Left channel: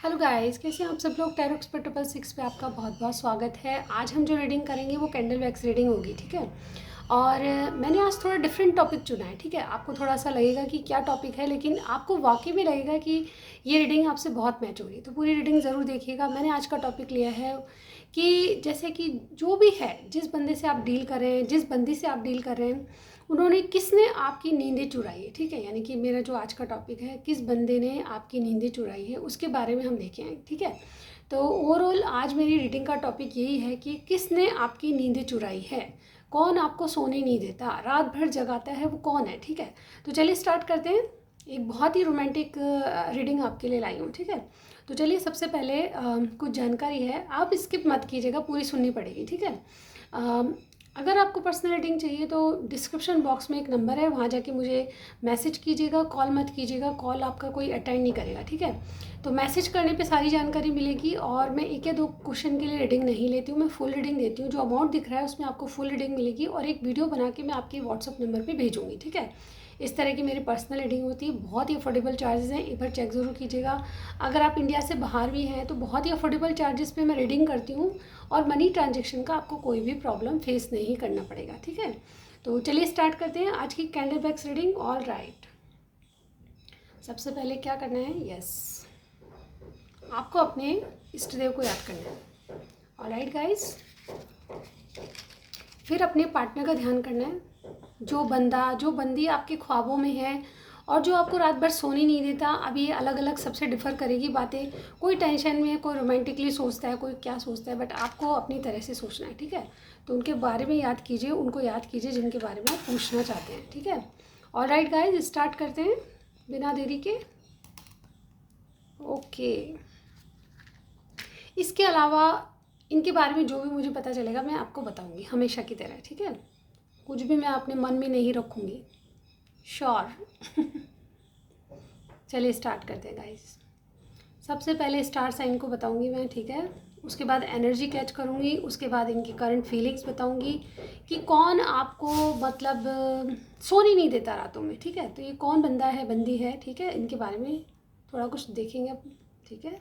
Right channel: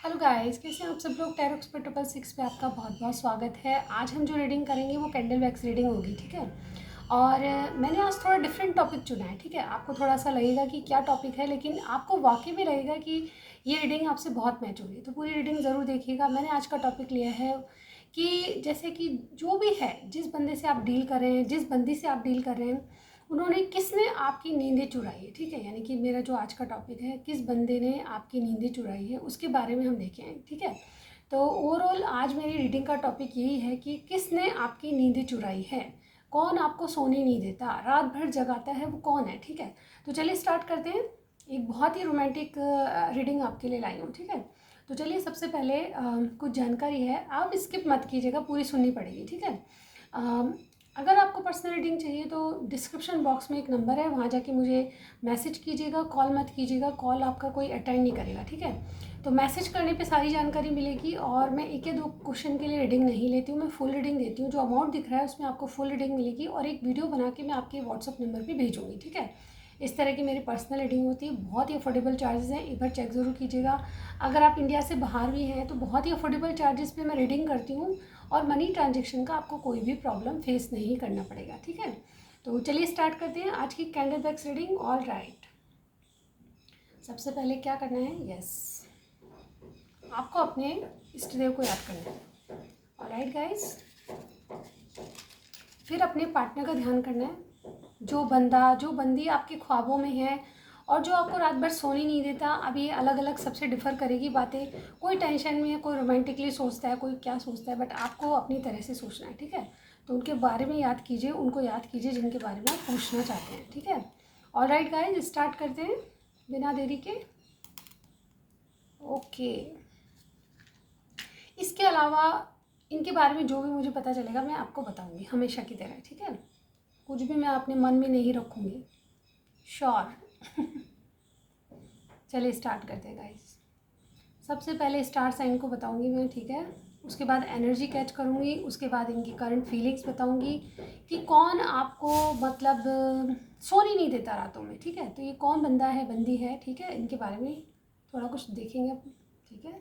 Hello guys, कैसे हैं आप सब लोग। टैरो एक्सपर्ट 666 पे आपका बहुत बहुत स्वागत है। आज हम जो रीडिंग करेंगे वो कैंडल वैक्स रीडिंग होगी, ठीक है। और मैंने आज थोड़ा डिफरेंट टॉपिक चुना है, ठीक है। आपको थोड़ा सा लगेगा कि क्या टॉपिक है, लेकिन आपको वाकई में लगेगा कि ये रीडिंग आपसे बहुत मैच होगी, तो पूरी रीडिंग ज़रूर देखिएगा। मैंने आज का टॉपिक लिया है कि जैसे कि जो भी है, जिस बंदे से आप डील कर रहे हैं, जिस बंदी से आप डील कर रहे हैं, उन्होंने किसने आपकी नींदें चुराई है, ठीक है। यानी कि मेरा जो आज का टॉपिक है, किस बंदे ने आपकी नींदें चुराई है, उसके बारे में हम देखें, ठीक है। तो ओवरऑल आज मेरी रीडिंग का टॉपिक यही है कि किसने आपकी नींदें चुराई है, कौन आपको सोने नहीं देता, रात भर जगाता है, वो कौन है, ठीक है। तो चलिए स्टार्ट करते हैं। एक बहुत ही रोमांटिक रीडिंग आपके लिए लाई हूँ, ठीक है। तो चलिए सबसे पहले कुछ जानकारी है, आप स्किप मत कीजिएगा, पूरी सुननी पड़ेगी, ठीक है। अगर आपको पर्सनल रीडिंग चाहिए तो डिस्क्रिप्शन बॉक्स में एक नंबर है, वहाँ जाके मुझे मैसेज कीजिएगा, कॉल मत कीजिएगा, कॉल आपका कोई अटेंड नहीं करेगा, ठीक है। तो मैसेज करने पे सारी जानकारी मिलेगी, और मैं एक या दो क्वेश्चन के लिए रीडिंग नहीं लेती हूँ, मैं फुल रीडिंग देती हूँ। जो अमाउंट दिख रहा है उसमें आपको फुल रीडिंग मिलेगी, और एक वीडियो बना के मैं आपके व्हाट्सअप नंबर पर भेजूँगी, ठीक है। इस तरह की मेरी पर्सनल रीडिंग होती है, बहुत ही अफोर्डेबल चार्जेस हैं, एक बार चेक ज़रूर कीजिएगा। अगर आप इंडिया से बाहर भी हैं तो बहुत ही अफोर्डेबल चार्जेस पे मैं रीडिंग करती हूँ, और मनी ट्रांजेक्शन का आपको कोई भी प्रॉब्लम फेस नहीं करना पड़ेगा, ठीक है। तो चलिए स्टार्ट करते हैं आज की candle wax reading. All right, सबसे पहले क्या करना है, यस, आपको अपने इष्ट देव को याद करना है। ऑल राइट गाइस, फिर अपने पार्टनर का ध्यान करना है, जो बंदा जो बंदी आपके ख्वाबों में है और जो आपको रात भर सोने नहीं देता। अब ये अलग अलग सबसे डिफर करेगी बातें, कोई टेंशन में है, कोई रोमांटिकली सोचता है, कोई क्या सोचता है, बट आपको अपनी तरह से सोचना है, ठीक है। तो उनके बारे में याद कीजिए, उनको याद कीजिए जिनके बारे में आप पूछना चाहते हैं, ठीक है। ऑल राइट गाइज, स्टार्ट करते हैं बिना देरी के। ओके, इसके अलावा इनके बारे में जो भी मुझे पता चलेगा मैं आपको बताऊंगी, हमेशा की तरह, ठीक है। कुछ भी मैं अपने मन में नहीं रखूँगी, श्योर। चलिए स्टार्ट करते हैं गाइस। सबसे पहले स्टार साइन को बताऊंगी मैं, ठीक है। उसके बाद एनर्जी कैच करूंगी, उसके बाद इनकी करंट फीलिंग्स बताऊंगी कि कौन आपको मतलब सोने नहीं देता रातों में, ठीक है। तो ये कौन बंदा है, बंदी है, ठीक है। इनके बारे में थोड़ा कुछ देखेंगे, ठीक है।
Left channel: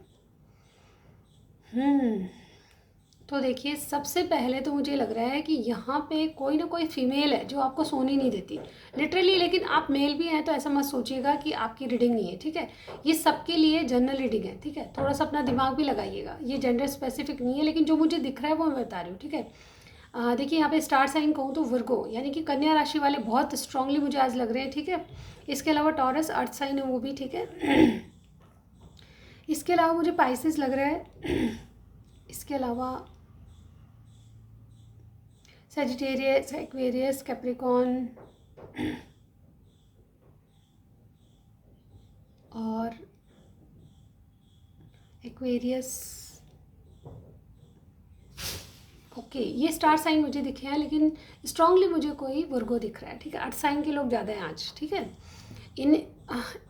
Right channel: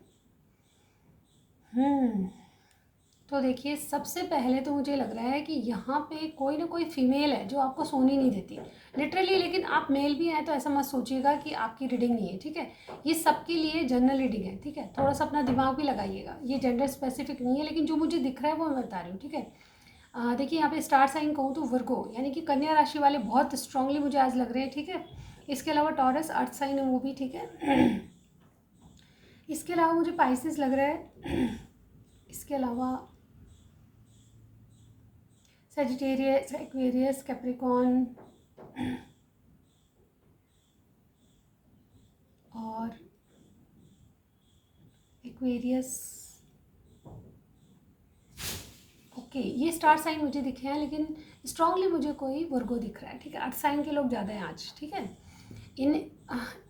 तो देखिए, सबसे पहले तो मुझे लग रहा है कि यहाँ पे कोई ना कोई फीमेल है जो आपको सोने नहीं देती लिटरली, लेकिन आप मेल भी हैं तो ऐसा मत सोचिएगा कि आपकी रीडिंग नहीं है, ठीक है। ये सबके लिए जनरल रीडिंग है, ठीक है। थोड़ा सा अपना दिमाग भी लगाइएगा, ये जेंडर स्पेसिफिक नहीं है, लेकिन जो मुझे दिख रहा है वो मैं बता रही हूँ, ठीक है। देखिए यहाँ पे स्टार साइन कहूँ तो वर्गो यानी कि कन्या राशि वाले बहुत स्ट्रांगली मुझे आज लग रहे हैं, ठीक है। इसके अलावा टॉरस अर्थ साइन है, वो भी ठीक है। इसके अलावा मुझे पाइसेस लग रहा है। इसके अलावा सेजिटेरियस, एक्वेरियस, कैप्रिकॉन और एक्वेरियस। ओके, ये स्टार साइन मुझे दिखे हैं, लेकिन स्ट्रांगली मुझे कोई वर्गो दिख रहा है, ठीक है। अर्थ साइन के लोग ज़्यादा हैं आज, ठीक है। इन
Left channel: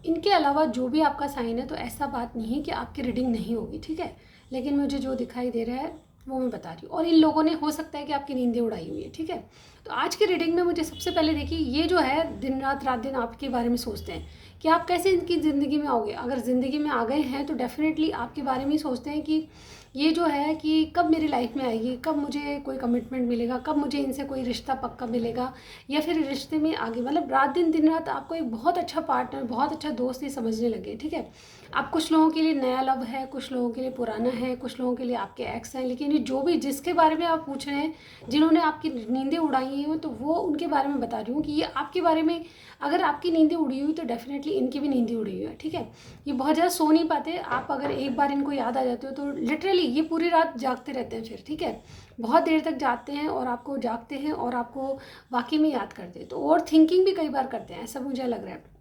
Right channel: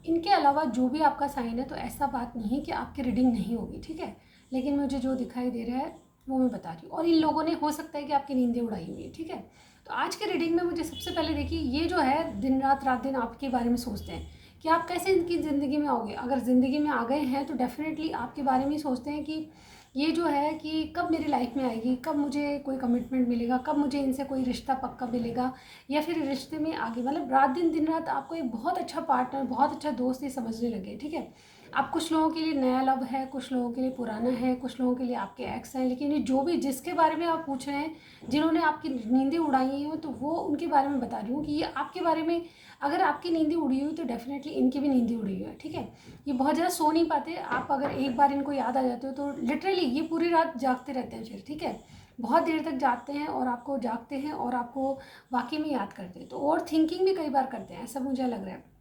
इनके अलावा जो भी आपका साइन है, तो ऐसा बात नहीं है कि आपकी रीडिंग नहीं होगी, ठीक है। लेकिन मुझे जो दिखाई दे रहा है वो मैं बता रही हूँ, और इन लोगों ने हो सकता है कि आपकी नींदें उड़ाई हुई है, ठीक है। तो आज की रीडिंग में मुझे सबसे पहले देखिए, ये जो है दिन रात रात दिन आपके बारे में सोचते हैं कि आप कैसे इनकी ज़िंदगी में आओगे। अगर ज़िंदगी में आ गए हैं तो डेफिनेटली आपके बारे में ही सोचते हैं कि ये जो है कि कब मेरी लाइफ में आएगी, कब मुझे कोई कमिटमेंट मिलेगा, कब मुझे इनसे कोई रिश्ता पक्का मिलेगा, या फिर रिश्ते में आगे मतलब रात दिन दिन रात आपको एक बहुत अच्छा पार्टनर, बहुत अच्छा दोस्त ही समझने लगे, ठीक है। अब कुछ लोगों के लिए नया लव है, कुछ लोगों के लिए पुराना है, कुछ लोगों के लिए आपके एक्स हैं, लेकिन ये जो भी जिसके बारे में आप पूछ रहे हैं, जिन्होंने आपकी नींदें उड़ाई हैं, तो वो उनके बारे में बता रही हूँ कि ये आपके बारे में, अगर आपकी नींदें उड़ी हुई तो डेफिनेटली इनकी भी नींदें उड़ी हुई है, ठीक है। ये बहुत ज़्यादा सो नहीं पाते, आप अगर एक बार इनको याद आ जाते हो तो लिटरली ये पूरी रात जागते रहते हैं फिर, ठीक है। बहुत देर तक जागते हैं और आपको जागते हैं और आपको वाकई में याद करते हैं, तो और थिंकिंग भी कई बार करते हैं, ऐसा मुझे लग रहा है।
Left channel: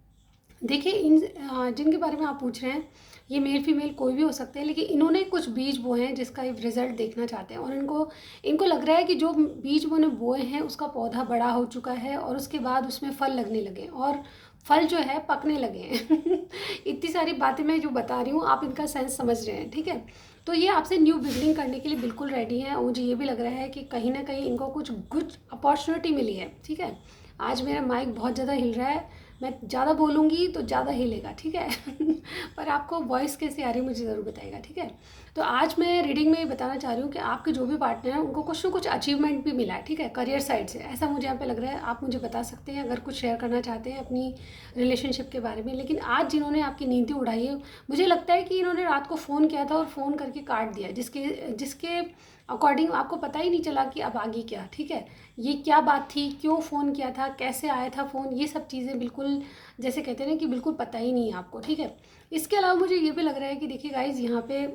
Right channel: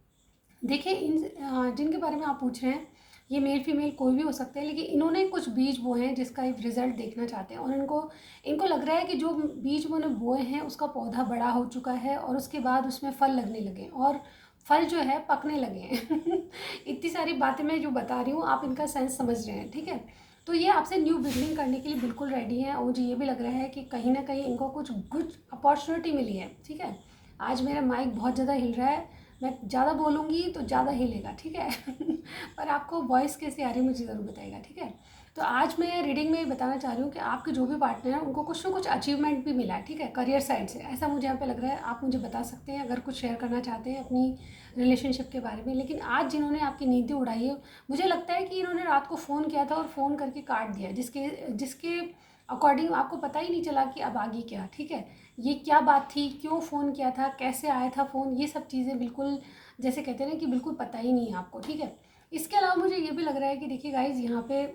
देखिए, इन जिनके बारे में आप पूछ रहे हैं, ये मेल फीमेल कोई भी हो सकते हैं, लेकिन इन्होंने कुछ बीज बोए हैं जिसका एक रिजल्ट देखना चाहते हैं, और इनको इनको लग रहा है कि जो बीज उन्होंने बोए हैं उसका पौधा बड़ा हो चुका है, और उसके बाद उसमें फल लगने लगे, और फल जो है पकने लगे हैं। इतनी सारी बातें मैं जो बता रही हूँ, आप इनका सेंस समझ रहे हैं, ठीक है। तो ये आपसे न्यू बिगनिंग करने के लिए बिल्कुल रेडी हैं, और मुझे ये भी लग रहा है कि कहीं ना कहीं इनको कुछ गुड अपॉर्चुनिटी मिली है, ठीक है। आज मेरा माइक बहुत ज़्यादा हिल रहा है, मैं ज़्यादा बोलूँगी तो ज़्यादा हिलेगा, ठीक है। पर आपको वॉइस कैसी आ रही है मुझे ज़रूर बताइएगा, ठीक है। तो आज मैं रीडिंग में ये बताना चाह रही हूँ कि आपके जो भी पार्टनर हैं उनको कुछ ना कुछ अचीवमेंट भी मिला है, ठीक है, करियर साइड से, ऐसा मुझे यहाँ पे लग रहा है। आप मुझे बता सकते हैं अगर कुछ शेयर करना चाहते हैं अपनी रिलेशनशिप के बारे में। लेकिन आज जिन्होंने आपकी नींदें उड़ाई है, मुझे लगता है कि इन्होंने रात को फ़ोन किया था और फ़ोन करके काट दिया, जिसके जिसके अकॉर्डिंग आपको पता ही नहीं चला कि अब आगे क्या, ठीक है, ये क्या बात थी, क्यों फ़ोन किया था, कैसे आया था फ़ोन, ये सब चीज़ें बिल्कुल जैसे कहते हैं ना कि बिल्कुल पता ही नहीं है आपको, ठीक है। इसके अलावा मुझे ये भी लग रहा है कि देखिए गाइज़, यहाँ पे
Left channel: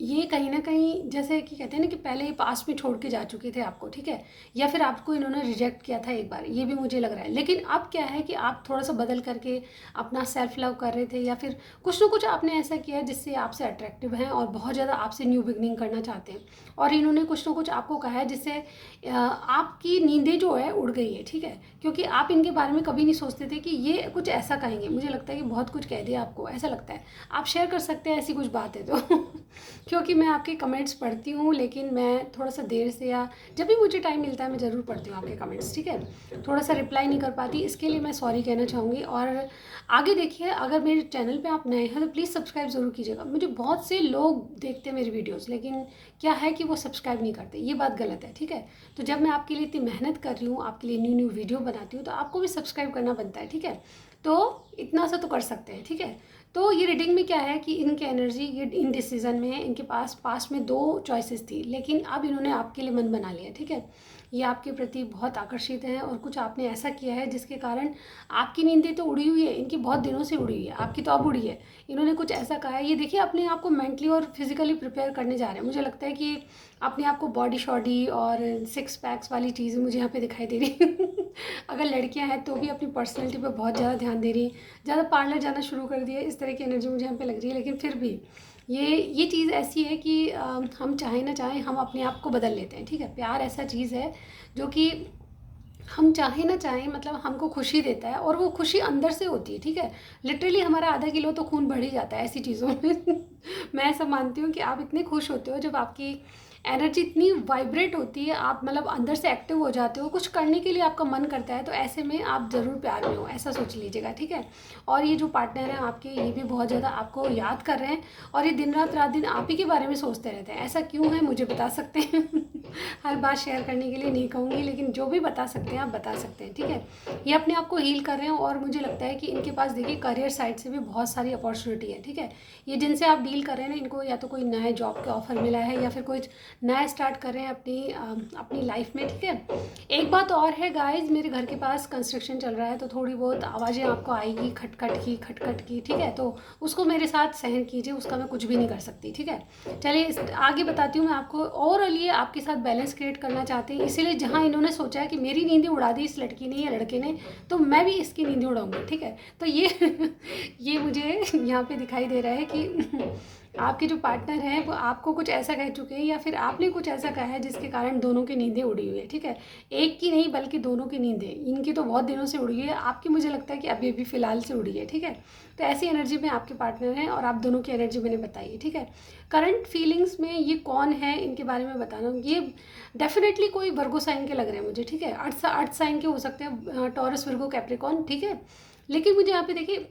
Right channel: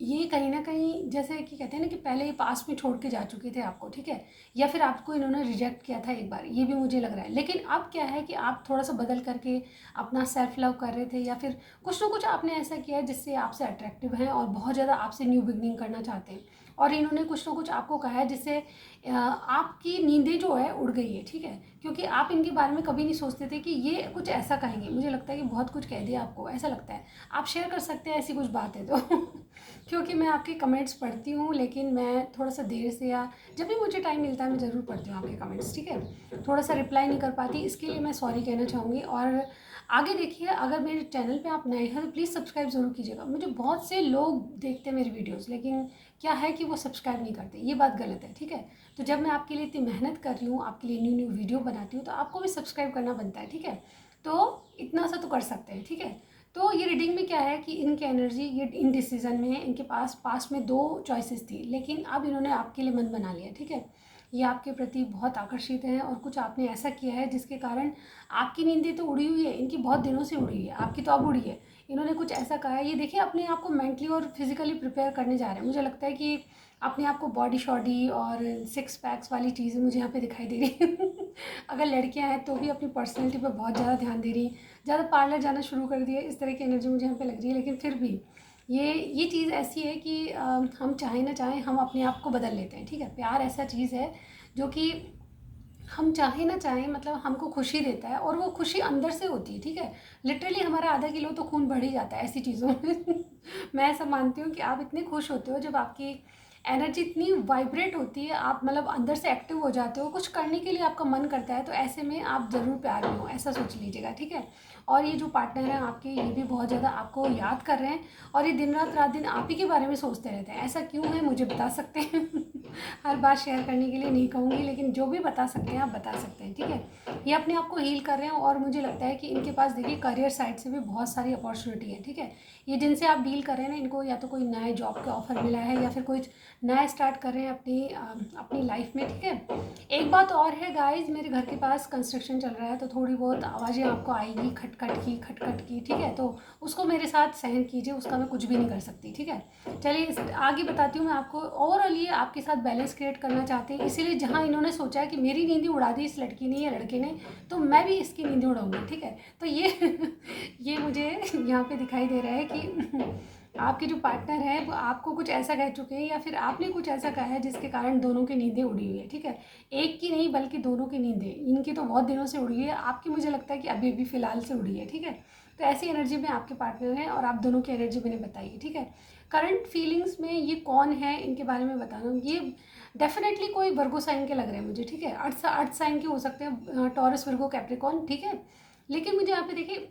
ये कहीं न कहीं जैसे कि कहते हैं ना कि पहले ही पास्ट में छोड़ के जा चुके थे आपको, ठीक है? या फिर आपको इन्होंने रिजेक्ट किया था एक बार, ये भी मुझे लग रहा है। लेकिन अब क्या है कि आप थोड़ा-सा बदल करके अपना सेल्फ लव कर रहे थे, या फिर कुछ ना कुछ आपने ऐसा किया है जिससे आपसे अट्रैक्टिव हैं और बहुत ज़्यादा आपसे न्यू बिगिनिंग करना चाहते हैं। और इन्होंने कुछ ना कुछ आपको कहा है जिससे आपकी नींदें जो है उड़ गई है, ठीक है? क्योंकि आप इनके बारे में कभी नहीं सोचते थे कि ये कुछ ऐसा कहेंगे। मुझे लगता है कि बहुत कुछ कह दिया आपको, ऐसा लगता है। आप शेयर कर सकते हैं ऐसी कुछ बात है तो। क्योंकि मैं आपके कमेंट्स पढ़ती हूँ, लेकिन मैं थोड़ा-सा देर से या जब भी मुझे टाइम मिलता है मैं ज़रूर पढ़ती हूँ आपके कमेंट्स, ठीक है? थोड़ा-सा रिप्लाई नहीं कर पाती, इसके लिए मैं सॉरी कहना चाहूँगी। और आगे देखिए, अगर मेरे चैनल पे आप नए हैं तो प्लीज़ सब्सक्राइब ज़रूर कीजिएगा। मुझे बहुत से लोग देखते हैं मेरी वीडियोज़, लेकिन क्या है कि वो सब्सक्राइब नहीं करते, ये बात गलत है, ठीक है? तो जब मैं आपके लिए इतनी मेहनत कर रही हूँ, आपके लिए न्यू-न्यू वीडियो बनाती हूँ, तो आपको भी सब्सक्राइब करना बनता है, ठीक है? तो इतना सा तो कर सकते हैं, ठीक है? तो ये रीडिंग में क्या है कि इनकी एनर्जी ये इनडिसीजन में है। इनके पास पास्ट में 2 चॉइसेस थी, लेकिन अब इन्होंने आपके लिए मन बना लिया, ठीक है? ये आपके प्रति बहुत आकर्षित हैं और कुछ आपने ऐसा किया है जिसके कारण आपकी नींदें तो उड़ी हुई है, इनकी बहुत दिनों से उड़ी हुई है, आपकी तो अब उड़ी है। इन्होंने कुछ ऐसा कहा है, ये देखिए अपने आप को मेंटली और फिज़िकली प्रिपेयर करने जा रहे हैं। मुझे लगता है कि अपने आप को बॉडी-शॉडी और सिक्स पैक्स वाली चीज़ें मुझे यहाँ पे दिखाई दे रही हैं। अगर लड़कियाँ हैं तो भी अपनी पर्सनैलिटी पे बहुत ज़्यादा ध्यान दे रही हैं। ज़्यादा पार्लर जाना शुरू कर दिया, इस तरह की एनर्जी मुझे यहाँ पे लग रही है। लेकिन फिर भी ये चीज़ ऐसी है कि हम चाहें ना चाहें हम अपने आप को बदल लेते हैं, ठीक है। प्यार ऐसा चीज़ है जो कि हम चाहें ना चाहें मतलब हमको खुशी देता है, और वो खुशी अंदर से होती है, ठीक है। लिटरली हमारा आधा किलो तो खून बढ़ ही जाता है ऐसी चीज़ों में। मैं ऐसा मानती हूँ कि आप इतने खुश होते हो जब आपकी एनर्जी इतनी वाइब्रेट होती है, आप मतलब अंदर से एक्टिव हो जाते हो, कुछ करने के लिए आपका मन करता है, तो ऐसे में आप ज़रूर प्यार में हो, ऐसा सोच लीजिएगा, ठीक है। और ये जो पार्टनर हैं आपके, ये भी बहुत ज़्यादा आपको याद कर रहे हैं, और ये दिन रात दिन आप ही के बारे में सोचते रहते हैं। ऐसा क्यों है मुझे बता सकते हैं? हर बात शेयर करने के लिए नहीं कहूँगी, लेकिन जो भी बता सकते हैं आप बता सकते हैं, ठीक है। ये अपने आप को हील कर रहे हैं, और मुझे लगता है कि इनके पास देखिए करियर साइड से भी बहुत सारी अपॉर्चुनिटी है, ठीक है। ये जिनसे आप डील कर रहे हैं ना, इनको या तो कोई नए जॉब का ऑफर मिला है, या फिर कोई नया स्टार्ट कर रहे हैं अपनी लाइफ में, ठीक है। एक बात और है गाइज, मेरे घर के पास कंस्ट्रक्शन चल रहा है, तो थोड़ी बहुत आवाज़ें आपको आएगी खटखट की, ठीक है। तो उसको मेरे साथ सहन कीजिए, उसका मैं कुछ भी नहीं कर सकती, ठीक है। चलिए आगे बताती हूँ मैं आपको। ओवरऑल ये आपके साथ बैलेंस क्रिएट करना चाहते हैं, इसीलिए जहाँ इन्होंने सोचा है कि मेरी नींदें उड़ा दी इस लड़की ने या लड़के ने, तो मैं भी इसकी नींदें उड़ाऊंगी, ठीक है। तो ये ये मुझे यहाँ पे दिखाई दे रहा है कि आपके जो पार्टनर हैं वो आपको कुछ ऐसा कह चुके हैं, या फिर आपने कुछ ऐसा कहा है जिसके कारण दोनों की नींदें उड़ी हुई है, ठीक है। एक की नहीं बल्कि दोनों की नींदें, इनकी तो बहुत दिनों से उड़ी हुई है, आपकी मुझे लगता है कि अभी अभी फ़िलहाल से उड़ी है, ठीक है। तो ऐसी एनर्जी में आपके पार्टनर हैं, और आप दोनों की एनर्जी मैंने बताई है, ठीक है। करंट फीलिंग्स में ये कौन है इनके बारे में बताना, ये डेफिनेटली कोई वर्गो साइन के लग रहे हैं मुझे, ठीक है। अर्थ साइन के हो सकते हैं, टॉरस, वर्गो, कैप्रिकॉर्न, ठीक है। लेकिन मुझे यहाँ पे देखिए,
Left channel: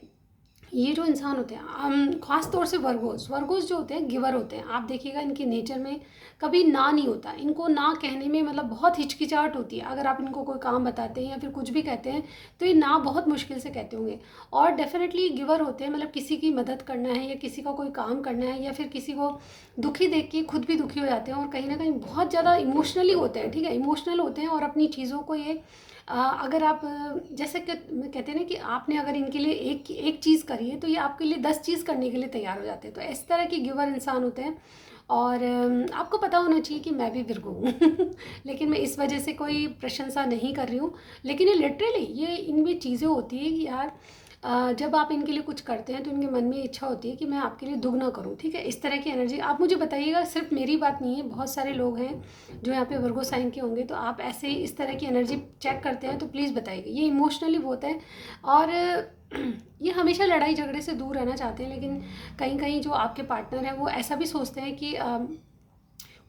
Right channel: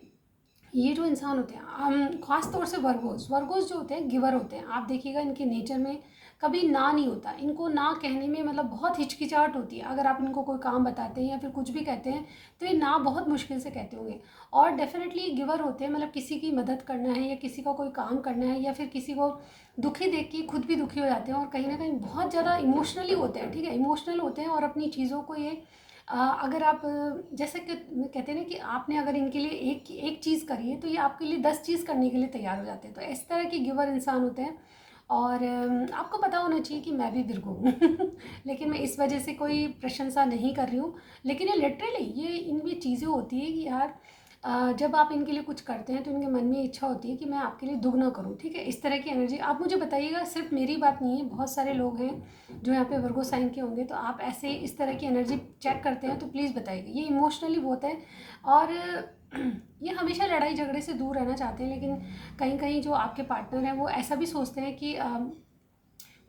ये जो इंसान होते हैं, हम खास तौर से वर्गोस जो होते हैं गिवर होते हैं। आप देखिएगा इनके नेचर में कभी ना नहीं होता, इनको ना कहने में मतलब बहुत हिचकिचाहट होती है। अगर आप इनको कोई काम बताते हैं या फिर कुछ भी कहते हैं, तो ये ना बहुत मुश्किल से कहते होंगे। और डेफिनेटली गिवर होते हैं, मतलब किसी की मदद करना है या किसी को कोई काम करना है, या फिर किसी को दुखी देख के खुद भी दुखी हो जाते हैं, और कहीं ना कहीं बहुत ज़्यादा इमोशनली होते हैं, ठीक है। इमोशनल होते हैं, और अपनी चीज़ों को ये अगर आप जैसे कि कहते हैं ना कि आपने अगर इनके लिए एक चीज़ करी है, तो ये आपके लिए 10 चीज़ करने के लिए तैयार हो जाते हैं। तो इस तरह के गिवर इंसान होते हैं। और आपको पता होना चाहिए कि मैं भी विर्गो हूँ। लेकिन मैं इस वजह से कोई प्रशंसा नहीं कर रही हूँ, लेकिन ये लिटरली ये इनमें चीज़ें होती है कि यार जब आप इनके लिए कुछ करते हैं तो इनके मन में इच्छा होती है कि मैं आपके लिए दुगना करूं, ठीक है। इस तरह की एनर्जी आप मुझे बताइएगा, सिर्फ मेरी बात नहीं है, बहुत सारे लोग हैं जो यहाँ पे वर्गो साइन के होंगे। तो आप ऐसे इस तरह की एनर्जी चेक करते हैं तो प्लीज़ बताइएगा। ये इमोशनली बहुत है, और ये हमेशा लड़ाई झगड़े से दूर रहना चाहते हैं, लेकिन कहीं कहीं जो आपके पार्टनर हैं वो ऐसा भी सोचते हैं कि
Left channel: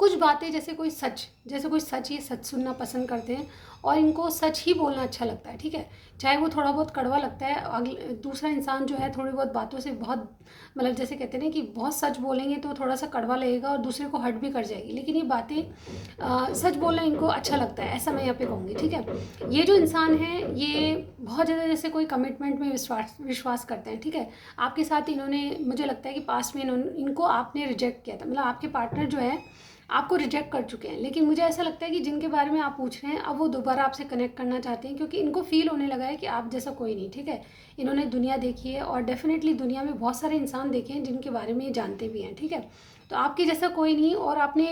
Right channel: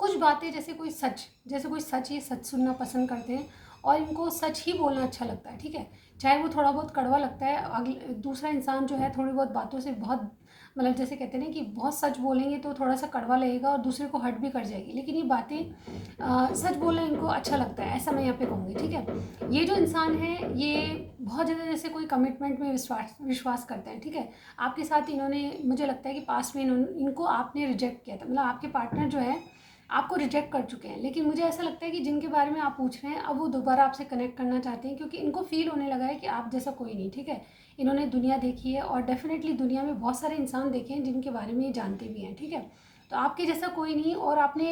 कुछ बातें जैसे कोई सच ये सच सुनना पसंद करते हैं, और इनको सच ही बोलना अच्छा लगता है, ठीक है। चाहे वो थोड़ा बहुत कड़वा लगता है, अगले दूसरा इंसान जो है थोड़ी बहुत बातों से बहुत मतलब जैसे कहते हैं ना कि बहुत सच बोलेंगे तो थोड़ा सा कड़वा लगेगा और दूसरे को हर्ट भी कर जाएगी, लेकिन ये बातें सच बोलना इनको अच्छा लगता है, ऐसा मैं यहाँ पे कहूँगी, ठीक है। ये जो इंसान है ये बहुत ज़्यादा जैसे कोई कमिटमेंट में विश्वास विश्वास करते हैं, ठीक है। आपके साथ इन्होंने मुझे लगता है कि पास्ट में इनको आपने रिजेक्ट किया था, मतलब आपके पार्टनर जो है आपको रिजेक्ट कर चुके हैं, लेकिन मुझे ऐसा लगता है कि जिनके बारे में आप पूछ रहे हैं अब वो दोबारा आपसे कनेक्ट करना चाहते हैं, क्योंकि इनको फील होने लगा है कि आप जैसा कोई नहीं, ठीक है। इन्होंने दुनिया देखी है और डेफिनेटली दुनिया में बहुत सारे इंसान देखे हैं जिनके बारे में ये जानते भी हैं, ठीक है। तो आपके जैसा कोई नहीं, और आपने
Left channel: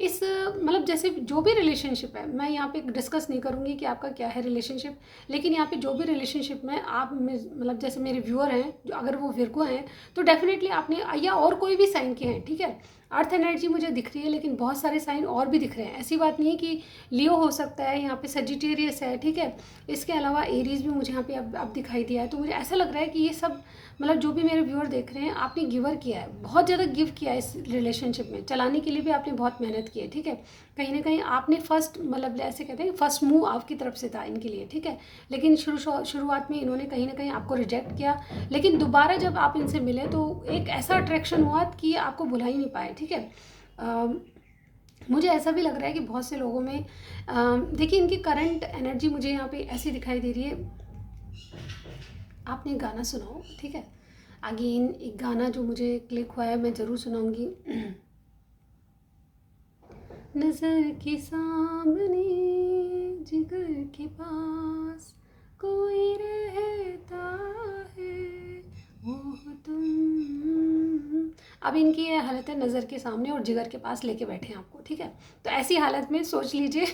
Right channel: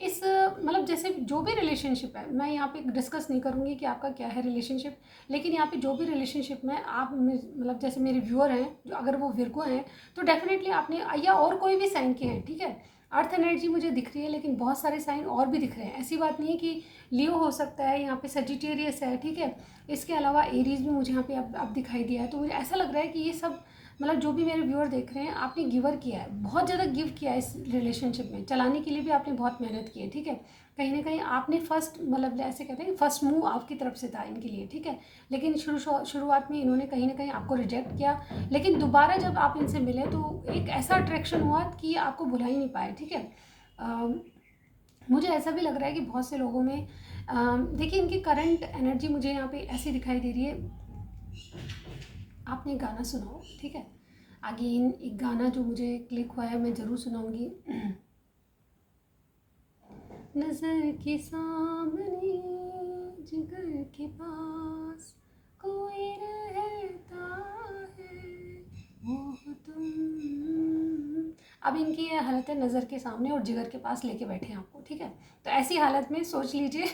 इस मतलब जैसे जो भी रिलेशनशिप है, मैं यहाँ पे डिस्कस नहीं करूँगी कि आपका क्या है रिलेशनशिप, लेकिन यहाँ पे जो भी रिलेशनशिप में आप मतलब जैसे मेरे व्यूअर हैं जो अगर वो विर्गो हैं तो डेफिनेटली आपने, या और कोई भी साइन के हैं, ठीक है। अर्थ एनर्जी मुझे दिख रही है, लेकिन बहुत सारे साइन और भी दिख रहे हैं, ऐसी बात नहीं है कि लियो हो सकता है, यहाँ पे सजिटेरियस है, ठीक है। इसके अलावा एरीज भी मुझे यहाँ पे अब दिखाई दिया है, तो मुझे ऐसा लग रहा है कि ये सब मतलब जो भी मेरे व्यूअर देख रहे हैं, आपने गिवर किया है, बहुत ज़्यादा गिव किया है इस रिलेशनशिप में, चलाने के लिए भी आपने बहुत मेहनत की है, ठीक है। कहीं ना कहीं आपने फर्स्ट मतलब ऐसे कहते हैं फर्स्ट मूव आपकी तरफ से था इनके लिए, ठीक है। लेकिन शुरुआत में इन्होंने कहीं ना कहीं आपको रिजेक्ट किया, लेकिन दोबारा जब आप इनसे मिले तो एक ऐसा अट्रैक्शन हुआ कि आपको भुला ही नहीं पाए, ठीक है। मुझे ऐसा भी लग रहा है कि बहुत से लोगों में देखिए इनकी करंट एनर्जी मुझे यहाँ पे ऐसी दिखाई दे रही है। आपने गाना सुनाओ, ठीक है। अगेन एक गाना जो मुझे क्लिक हुआ है मैं ज़रूर सुनाऊंगी। नज़र के सामने जिगर के पास कोई रहता है, वो हो तुम। अब इनकी ये हालत है नज़र के सामने और जिगर के पास लेके बैठे हैं आपको, ठीक है। तो ऐसी हालत में सोच लीजिए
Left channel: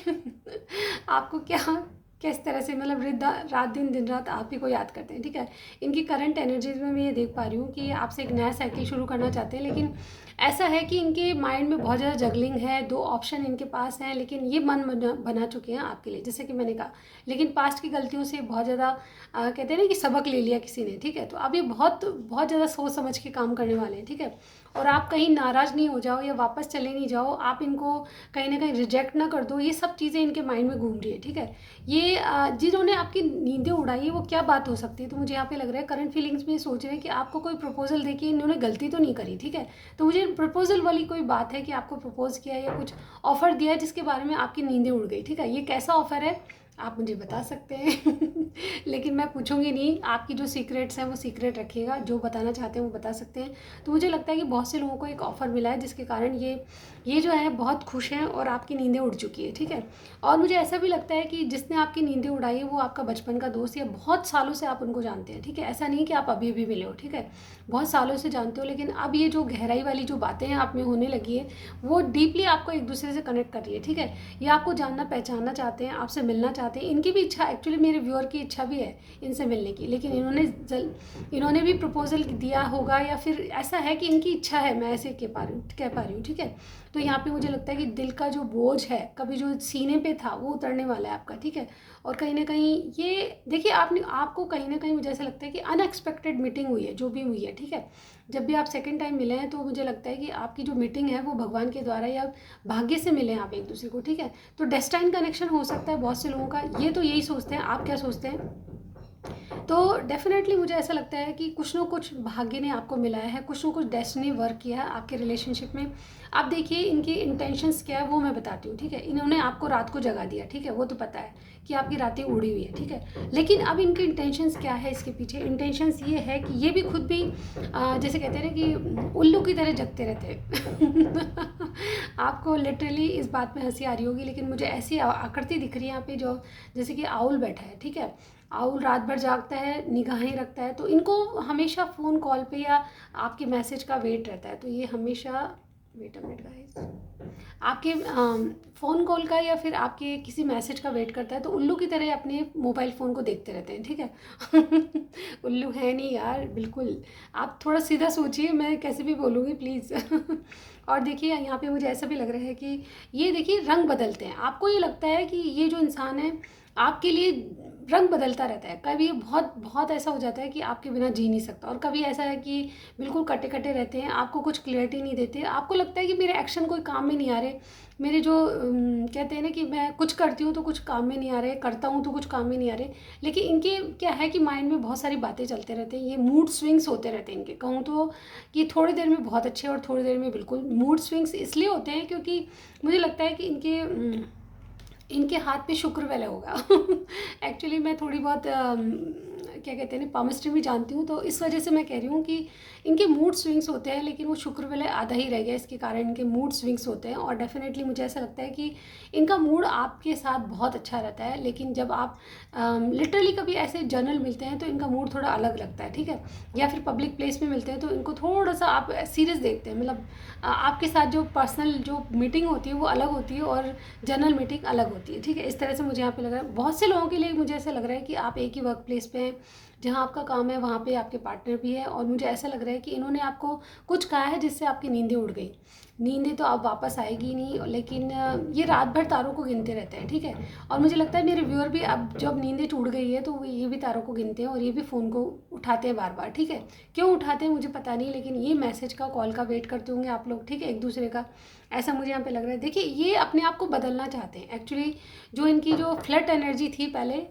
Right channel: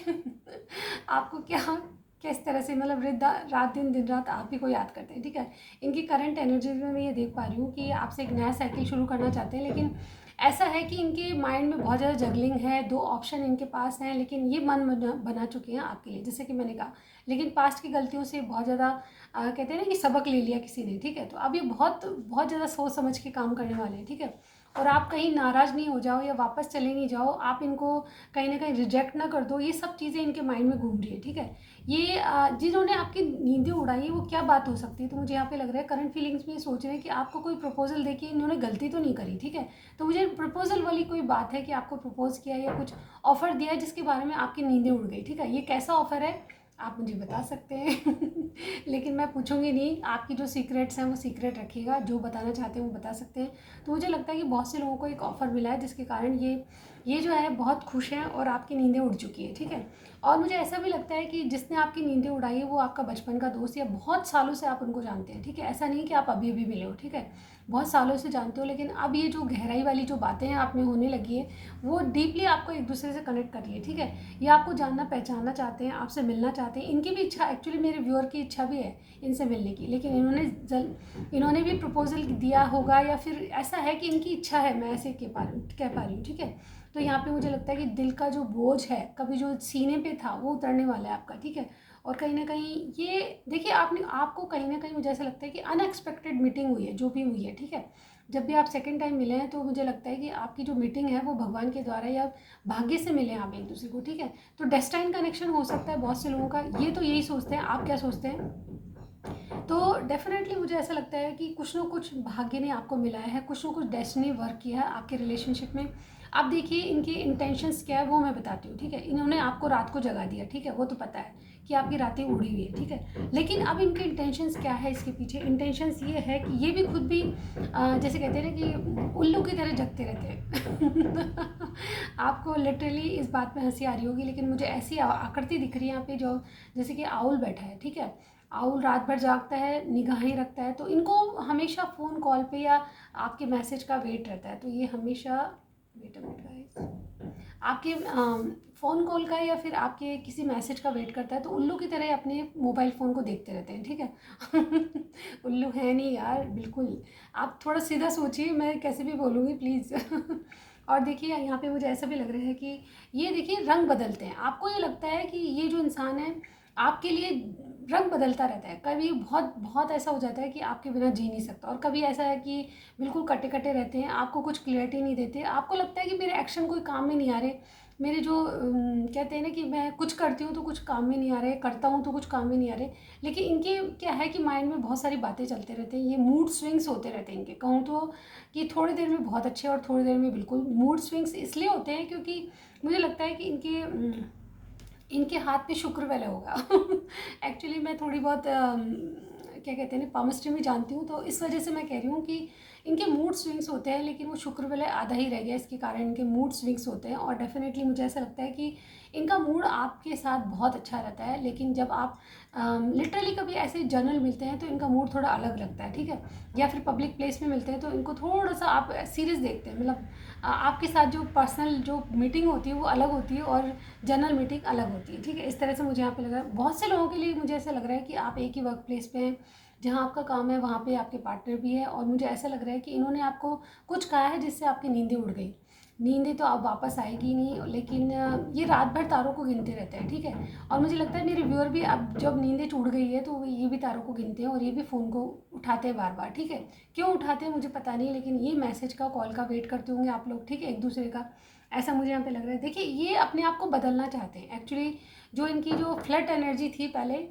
आपको क्या किस तरह से मतलब रात दिन दिन रात आप ही को याद करते हैं, ठीक है। इनकी करंट एनर्जीज में मैं ये देख पा रही हूँ कि आपसे एक नया साइकिल शुरू करना चाहते हैं, लेकिन ऐसा है कि इनके माइंड में बहुत ज़्यादा जगलिंग है, दो ऑप्शन इनके पास हैं, लेकिन ये मन बना चुके हैं आपके लिए, जैसे कि मैंने कहा। लेकिन पास्ट की गलतियों से बहुत ज़्यादा कहते हैं ना कि सबक ले लिया किसी ने, ठीक है। तो अब ये बहुत बहुत ज़्यादा सोच समझ के काम करने वाले हैं, ठीक है। और आप कहीं नाराज़ नहीं हो जाओ या वापस चले नहीं जाओ, आप इनको कहीं ना कहीं रिजेक्ट ना कर दो, ये सब चीज़ें इनके माइंड में घूम रही है, ठीक है। ये जिन्होंने आपकी नींदें उड़ाई है वो क्या बात हो सकती है, तो मुझे यहाँ पे लग रहा है करंट फीलिंग्स में ये सोच रहे हैं कि आपको कोई प्रपोजल देके इन्होंने गलती तो नहीं करी, ठीक है। तो मुझे प्रपोजल वाली कोई बात है कि आपको प्रपोज किया या कुछ ऑफर दिया है जिसके बारे में आपकी नींदें उड़ गई, ठीक है। ये कैसा ऑफर है आप मुझे बता सकते हैं लेकिन मैं पूछूंगी नहीं, आपकी जो सीक्रेट्स हैं वो सीक्रेट रखिएगा, जो बताना चाहते हैं वो बता सकते हैं। तो मुझे लगता है कि बहुत से लोगों को एक ऑफ़र मिला है जिसके कारण ये जो है बहुत खुश हैं और आपकी नींदें उड़ चुकी है, ठीक है। और मुझे ऐसा भी लगता है कि जिसने आपकी नींदें उड़ाई है वो आपका बचपन का दोस्त या बहुत सालों से आप उनको जानते हैं, ठीक है। ऐसा नहीं कि आप अभी भी मिले हो, ठीक है। बहुत सालों से जानते हो, लेकिन अब ये जो गहराई वाली जो बातें हैं आप में होने लगी है वो डीपली आपको एक दूसरे से कनेक्ट कर रही है, ठीक है। ये आपको जानना पहचानना चाहते हैं, आपसे मिलना चाहते हैं। इनकी भी इच्छा, एक्चुअली मेरे व्यूअर की इच्छा भी है इनसे मिलने की, लेकिन इन्होंने भी प्रपोजल दिया होगा या फिर ऐसा है कि इनकी इच्छा है, मैं ऐसे कह पा रही हूँ, ठीक है। तो यहाँ पे मुझे लगता है कि दिल का जो बोझ है कभी जो सीने पे था वो उतरने वाला है आपका, ठीक है। और कहीं ना कहीं ये देखिए आपको कहीं ना कहीं मुझे ऐसा लगता है कि अनएक्सपेक्टेड मीटिंग हुई है, जो भी हुई है, ठीक है। जब भी आप सेकंड टाइम मिले हैं तो मुझे लगता है कि आपकी जो मीटिंग है वो भगवान के द्वारा या भाग्य से मिले हैं आप एक दूसरे को, ठीक है। तो डेस्टाइन कनेक्शन हो सकता है बहुत से लोगों का, ये तो यही सोचते हैं, आप क्या सोचते हैं। तो डेफिनेटली मुझे ऐसा लगता है कि कुछ ना कुछ भाग्य ने आपको मिलाया है, कुछ ना कुछ डेस्टिनी वर्क किया है आपके रिलेशनशिप में। आप देखिए इनकी इंटेंशंस क्या है वो मैं बताती हूँ, ठीक है। इन्होंने आपको रात को जगा दिया, ठीक है, वो तो पता है कि आपकी रातें उड़ी हुई है, ठीक है। लेकिन अब इनके इंटेंशंस क्या है, इसके पीछे इंटेंशंस ये है कि ये भी खुद भी जैसे कहते हैं ना कि उल्लू की तरह जगते रहते हैं आपको लिटरली इस बात में हंसी आ रही होगी, लेकिन मुझे ऐसी आकृति दिख रही है यहाँ पे जो जैसे कि आउल बैठा है, ठीक है। आउल रात भर जागता है, निगाहें रखता है, तो इनको हमेशा फ़ोन कॉल पे या आपके मैसेज का वेट रहता है। तो ये हमेशा वेट अ मिनट गाइस, आपके फ़ोन कॉल का या फिर आपके किसी मैसेज का वेट करता है, तो उल्लू की तरह अपने मोबाइल फ़ोन को देखते रहते हैं, ठीक है उल्लू है नहीं यार, बिल्कुल। आप थोड़ा सीधा सोचिए, मैं कैसे भी बोलूँगी प्लीज़ और देखिए यहाँ पे मुझे ऐसा भी लग रहा है कि ये देखिए रंग बदलते हैं। आपको ये लगता है कि ये जो इंसान है आपके लिए रंग बदलता रहता है। कभी बहुत बहुत ऐसा हो जाता है कि आपके बिना जी नहीं सकता, और कभी ऐसा है कि बिल्कुल कटे कटे रहते हैं, आपको कुछ क्लियरिटी नहीं देते, आपको लगता है कि मेरे एक्शन कोई काम में नहीं आ रहे, मेरे जो कहते हैं ना कि मैं कुछ करती हूँ तो कुछ काम में नहीं आ रहे, करता हूँ तो कुछ काम में नहीं आ रहे। लेकिन इनके क्या है कि माइंड में बहुत सारी बातें चलते रहते हैं, ये मूड स्विंग्स होते रहते हैं इनके। कहूँ तो कि थोड़ी देर में बहुत अच्छे और थोड़ी देर में बिल्कुल मूड स्विंग्स इसलिए होते हैं क्योंकि मुझे लगता है कि इनके हाथ पे शुक्र वाला होगा। एक्चुअली मैं थोड़ी बहुत क्या कहते हैं ना पामिस्ट्री में जानती हूँ, तो इस वजह से मैं कह रही हूँ कि इनके मूड स्विंग्स होते हैं, लेकिन वो शुक्र वाले आधा ही रह गया, इसके कारण इनके मूड स्विंग्स होते हैं। और डेफिनेटली मुझे ऐसा लगता है कि इनका मूड आपके साथ बहुत अच्छा रहता है, लेकिन जब आप लिटरली कभी ऐसे जनरल मिलते हैं तो इनका मूड थोड़ा अलग लगता है, ठीक है। या फिर पब्लिक प्लेस में मिलते हैं तो इनको थोड़ा सा आप सीरियस देखते हैं, मतलब आपके साथ जो पर्सनल जो मीटिंग होती है वो अलग होती है और जनरल मीटिंग अलग होती है, ठीक है। इस तरह से मुझे यहाँ पे लग रहा है, बहुत से लोगों के लिए मुझे ऐसा लग रहा है कि आप एक ही वर्क प्लेस पे हैं, जहाँ आपका काम है वहाँ पे आपके पार्टनर भी है, और मुझे ऐसा लग रहा है कि इन्होंने आपको कुछ कहा है जिससे आपकी नींदें उड़ गई। नींदें तो अब वापस आएगी नहीं, लेकिन ये रात भर तारों को गिनते रहते हैं, ठीक है। और मुझे लगता है मेरे व्यूअर भी अब जब नींदें टूट गई है तो वो ये भी तारों को गिनते हैं और ये भी फ़ोन को उठाते हैं बार बार, ठीक है। क्यों उठाते हैं मुझे पता नहीं, लेकिन ये मैसेज का कॉल का वेट करते होंगे आप लोग, ठीक है, एक दूसरे का। ऐसा मुझे यहाँ पे लग रहा है। देखिए ये अपने आप को बदलना चाहते हैं एक्चुअली। जो इनकी जो फ्लड एनर्जी थी पहले,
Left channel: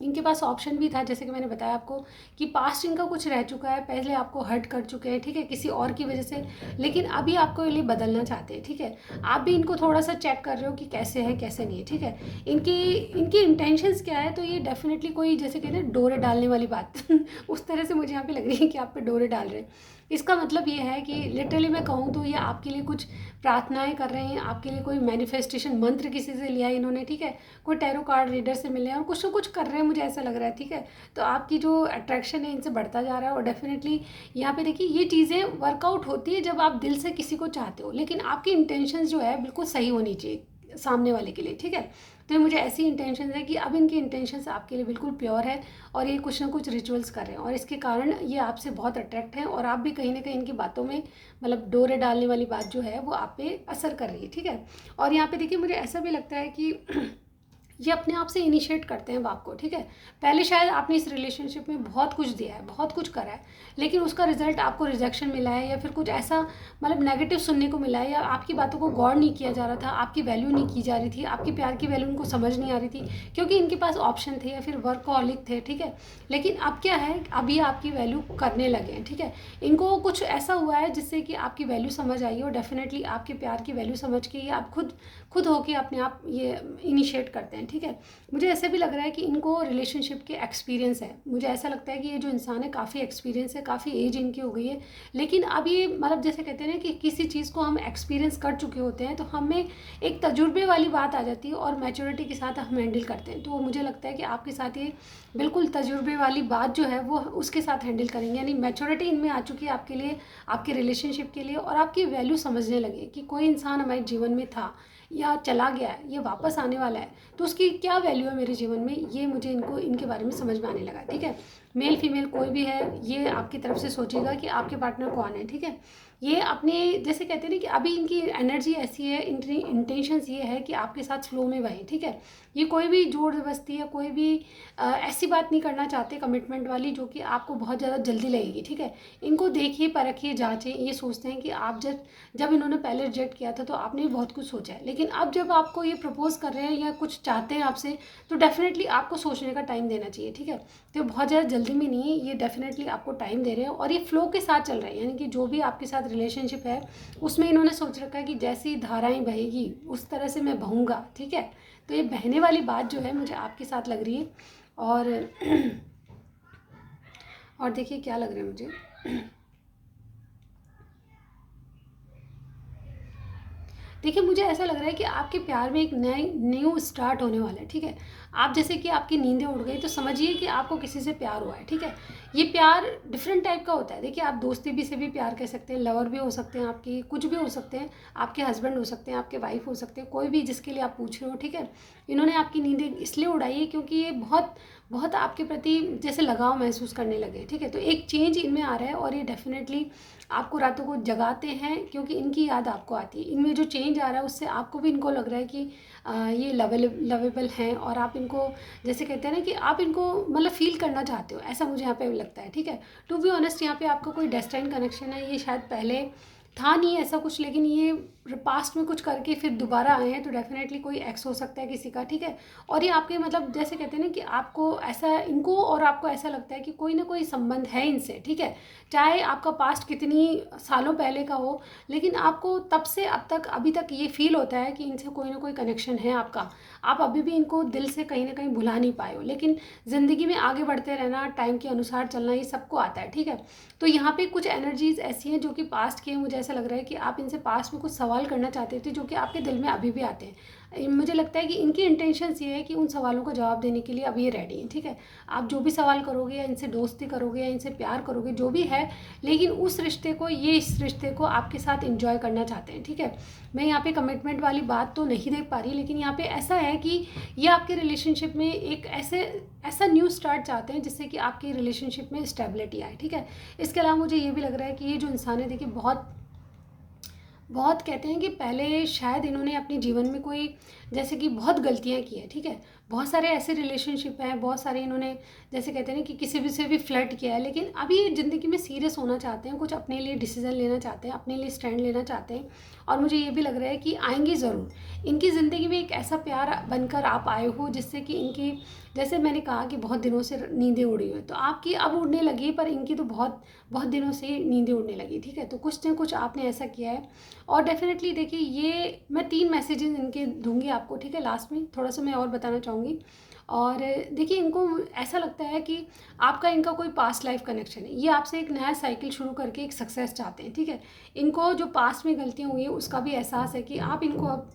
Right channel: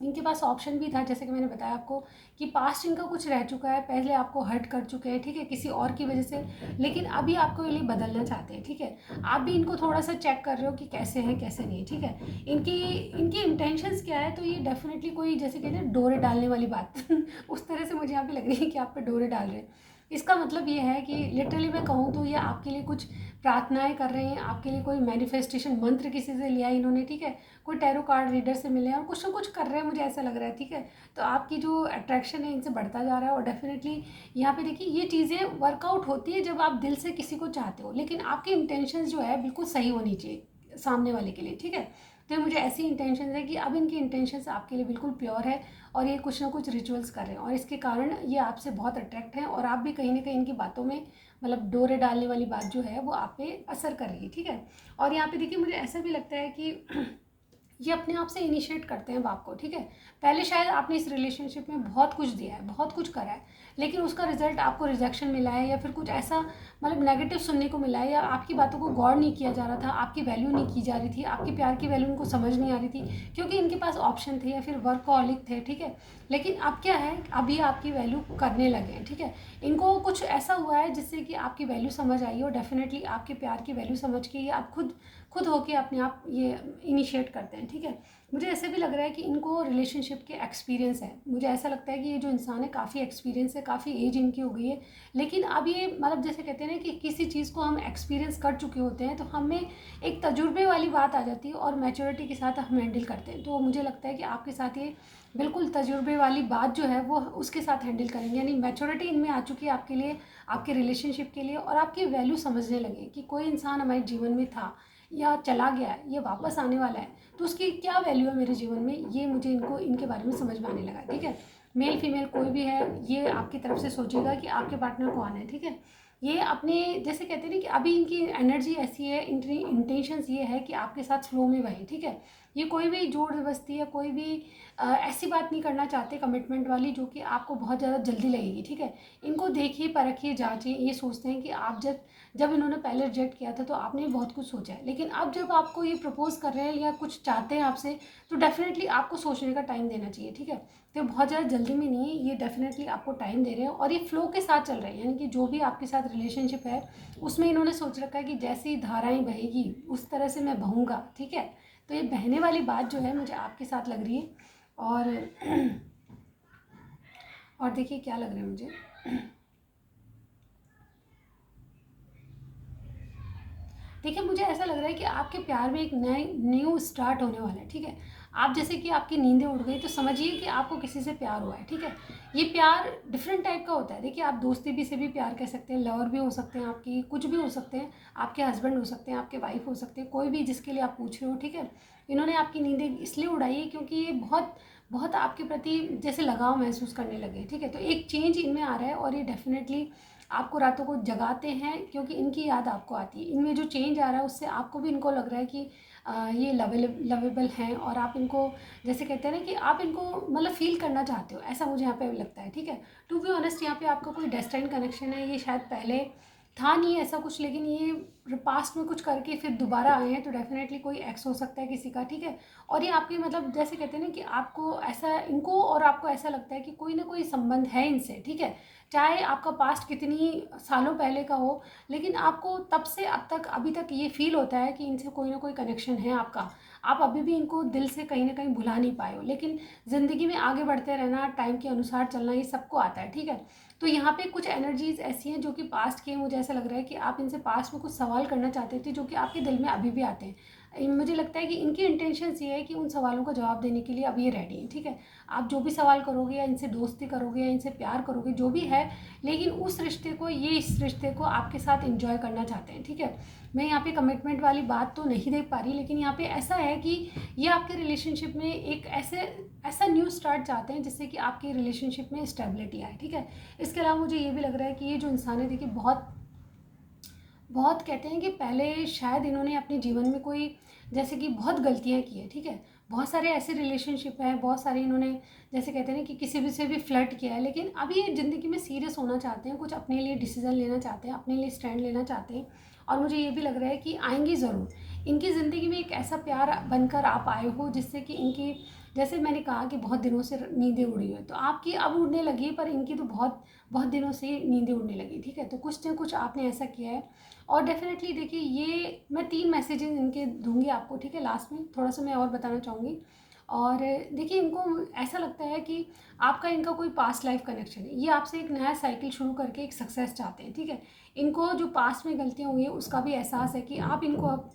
इनके पास ऑप्शन भी था, जैसे कि मैंने बताया आपको कि पास्ट इनका कुछ रह चुका है, पहले आपको हर्ट कर चुके हैं, ठीक है, किसी और की वजह से। लेकिन अभी आपको ये लिए बदलना चाहते हैं, ठीक है। आप भी इनको थोड़ा सा चेक कर रहे हो कि कैसे है कैसे नहीं है, ठीक है। इनकी इनकी इंटेंशंस क्या है, तो ये डेफिनेटली कोई जैसे कहते हैं डोरे डालने वाली बात उस तरह से मुझे यहाँ पे लग रही है कि आप पे डोरे डाल रहे हैं। इसका मतलब ये है कि लिटरली मैं कहूँ तो ये आपके लिए कुछ प्रार्थनाएं कर रहे हैं, आपके लिए कोई मैनिफेस्टेशन मंत्र किसी से लिया है इन्होंने, ठीक है, कोई टैरो कार्ड रीडर से मिले हैं और कुछ ना कुछ कर रहे हैं, मुझे ऐसा लग रहा है, ठीक है। तो आपकी जो अट्रैक्शन है इनसे बढ़ता जा रहा है, और डेफिनेटली यहाँ पे देखिए ये चीज़ें वर्कआउट होती है जब आप दिल से किसी को चाहते हो, लेकिन आपकी इंटेंशन जो है बिल्कुल सही होनी चाहिए सामने वाले के लिए, ठीक है। तो ये मुझे ऐसी इंटेंशन है कि अब इनकी इंटेंशन आपके लिए बिल्कुल प्योर है, और ये कुछ ना कुछ रिचुअल्स कर रहे हैं, और इसके कारण ये आपसे बहुत अट्रैक्ट हैं, और आप भी कहीं ना कहीं इनकी बातों में मतलब डोरे डालने वाली बात जो है वो आप पे असर कर रही है, ठीक है। और यहाँ पे देखिए मुझे ऐसा भी लगता है कि ये अपने आप से इनिशिएट करते हैं बात को, ठीक है। पहले शायद आपने इस रिलेशनशिप में बहुत कुछ दिया है, बहुत कुछ करा है, लेकिन उसका रिजल्ट आपको रिजेक्शन मिला है, या फिर कुछ ऐसा मतलब नेगेटिव सुनने को मिला है, या आपकी बातों को गौर नहीं किया जा रहा था, आपकी वैल्यू नहीं की जा रही थी, आपके प्यार की वैल्यू उनको समझ नहीं आ रही थी, क्योंकि इनके पास ऑप्शन थे या फिर वर्कहॉलिक थे, ठीक है। लेकिन अब क्या है, अभी आपकी वैल्यू करने लगे हैं, ठीक है। इनको कुछ ऐसा हुआ है जिससे कि आपकी वैल्यू समझ आई, और डेफिनेटली आपके प्यार की वैल्यू समझ के ये आप खुद खुद होके अपने आप ये इनिशिएट करते हैं, ठीक है। मुझे ऐसे भी लग रहा है कि इनको रिलेशनशिप के एक्सपीरियंस है, मुझे ऐसा लगता है कि ये जो इंसान है काफ़ी एक्सपीरियंस है, काफ़ी एज इनकी हो गई है, लेकिन अब ये मतलब जैसे कहते हैं ना कि किसी चीज़ को हम एक्सपीरियंस कर चुके होते हैं तो हमें एक तजुर्बे वाली बात आ जाती है, और मैच्योरिटी के साथ हम हैंडल करते हैं। तो मुझे लगता है कि आपके साथ ये बिल्कुल तजुर्बे वाली बात जो है वो उसके साथ हैंडल करेंगे, यानी मैच्योरिटी इनमें आ चुकी है आपके लिए, आपके रिलेशनशिप के लिए, और आपकी वैल्यू समझने लगे कि कोई इंसान हमारे जीवन में था या चला गया है, ये वापस आने वाला है, तो उसकी क्या वैल्यू है मेरे जीवन में, ये मुझे इनको इनके बारे में समझ में आने लगा, ठीक है। मेल फीमेल कोई भी है, ये आपकी तरफ से सोचेगा कि आपके पार्टनर कौन है, ठीक है। ये अपने जैसे कहते हैं ना कि अभी इनकी एनर्जी ऐसी है, इनकी इंटेंशंस ये है कि आपके साथ फ्लो में बहें, ठीक है। ये कोई भी जोर जबरदस्ती या कोई भी ऐसी बात नहीं करना चाहते कमिटमेंट वाली जो कि आपको बहुत ज़्यादा जल्दी लगेगी, ठीक है। इनको देखिए, परखिए, जांचें, ये सोचते हैं कि आप जब जब इन्होंने पहले रिजेक्ट किया था तो आपने भी बहुत कुछ सोचा है, लेकिन अब जब आपको ये प्रपोज कर रहे हैं या कुछ चाहते हैं आपसे, तो डेफिनेटली आपको सोचने का टाइम देना चाहिए, ठीक है। तो बहुत ज़्यादा जल्दी में नहीं है, ये डेफिनेटली आपको टाइम दे रहे हैं, और ये फ्लो के साथ चल रहे हैं, यानी कि जो भी आपके साथ रिलेशनशिप है उसमें इन्होंने सोच रखा है कि जैसी धाराएं बहेगी उस तरह से मैं बहूँगा, ठीक है। तो ये बहने वाली बात जो है मुझे आपके साथ लग रही है, और और देखिए क्या लग रहा है मुझे। देखिए मुझे ऐसा लग रहा है कि आपके प्यार में एक नए न्यू स्टार्ट होने वाला है, ठीक है। आप जैसे कि आपकी नींदें उड़ गई तो समझिए कि आपको किसी से प्यार हुआ है, ठीक है। ये प्यार डिफरेंट टाइप का होता है, देखिए आप दोस्ती भी से भी प्यार कर सकते हैं, लवर भी हो सकते हैं, आपकी कुछ भी हो सकते हैं, आपके हस्बैंड हो सकते हैं, आपके वाइफ हो सकते हैं, कोई भी जिसके लिए आप पूछ रहे हो, ठीक है। इन्होंने आपकी नींदें इसलिए उड़ाई है क्योंकि ये बहुत बहुत आपके प्रति जैसे लगाव महसूस करने लगे, ठीक है। तो एक चेंज इनमें आ रहा है, और ये डेफिनेटली आपको रातों को जगाते हैं क्योंकि इनकी याद आपको आती है। इनमें जो चेंज आ रहा है उससे आपको भी इनको लग रहा है कि ये लवेबल हैं और आप इनको जैसे कहते हैं ना कि आप इनको मतलब फ़ील करना चाहते हो, ऐसा मुझे यहाँ पे लगता है, ठीक है। टू बी ऑनेस्ट यहाँ पे आपका कोई डेस्टाइन कनेक्शन है, ये शायद पहले था नहीं ऐसा कुछ, लेकिन ये पास्ट में कुछ करके फिर दोबारा आए हैं, तो डेफिनेटली कोई एक्स हो सकता है किसी का, ठीक है। और ये आपके मतलब जैसे कहते हैं ना कि आपको ऐसा इनको और आपको ऐसा लगता है कि कोई ना कोई संबंध है इनसे, ठीक है। चाहे आपका पास्ट कितनी सालों पहले का हो, लेकिन आपको तब से अब तक अभी तक ये फील होता है कि इनसे कोई ना कोई कनेक्शन है आपका। आप अभी भी इनको दिल से कहीं ना कहीं भुला नहीं पाए हो, लेकिन ज़िंदगी में आगे बढ़ते रहना, टाइम के अनुसार चलना, ये सबको आता है, ठीक है। तो यहाँ पे कुछ एनर्जीज ऐसी हैं जो कि पास्ट की हैं। मुझे ऐसा लग रहा है कि आप इनसे पास्ट में कुछ सवाल करना चाहते थे जो कि आपके दिल में अभी भी आते हैं। मुझे लगता है कि इनकी इंटेंशंस ये है कि उन सवालों का जवाब देने के लिए अब ये रेडी हैं, ठीक है। आप जो भी सवाल करोगे या इनसे दोस्ती करोगे या इनसे प्यार करोगे, जो भी है, लेकिन उस रिश्ते को, ये इस रिश्ते को आपके साथ इंजॉय करना चाहते हैं, ठीक है। मैं यहाँ पे कमिटमेंट वाली बात तो नहीं देख पा रही, लेकिन यहाँ पे ऐसा है कि ये आपके रिलेशनशिप में एक ऐसा न्यू स्टार्ट चाहते हैं जिससे कि आपकी रिलेशनशिप में स्टेबिलिटी आए, ठीक है। इसके अलावा मुझे ये भी लग रहा है कि ये जो इंसान है, देखिए, बहुत बहुत कहते हैं कि पहले शायद इन्होंने अपने जीवन में कोई जैसे कि बहुत गलतियाँ की हैं, ठीक है। बहुत सारे ऐसे रिलेशनशिप हैं, बहुत सारे इन्होंने जैसे कहते हैं ना कि किसी भी से भी फ्लर्ट किया है, लेकिन अभी ये ज़िंदगी में सीरियस होना चाहते हैं, कुछ अपने लिए डिसीजन लेना चाहते हैं, अपने लिए स्टैंड लेना चाहते हैं। और मुझे ये भी लग रहा है कि आएंगे ज़रूर। इनकी ज़िंदगी में एक ऐसा प्यार बनकर आप आए हो जिससे कि इनकी, जैसे मैंने कहा कि बहुत दिनों से नींदें उड़ी हुई, तो आपकी अब उड़ने लगी, पर इनकी तो बहुत बहुत दिनों से नींदें उड़ने लगी, ठीक है। तो कुछ ना कुछ आपने ऐसा किया है। और डेफिनेटली देखिए, ये मैं 3 मैसेजेस इनके दूंगी आपको, ठीक है। लास्ट में थोड़ा सा मैं और बताना चाहूँगी। और देखिए, इनको ऐसा लगता है कि आपका इनका कोई पास्ट लाइफ कनेक्शन है, ये आपसे एक नया साइकिल शुरू करके एक सक्सेस चाहते हैं, ठीक है। इनको जो पास्ट में गलतियाँ हुई हैं उसका भी एहसास है कि आप इनको अब,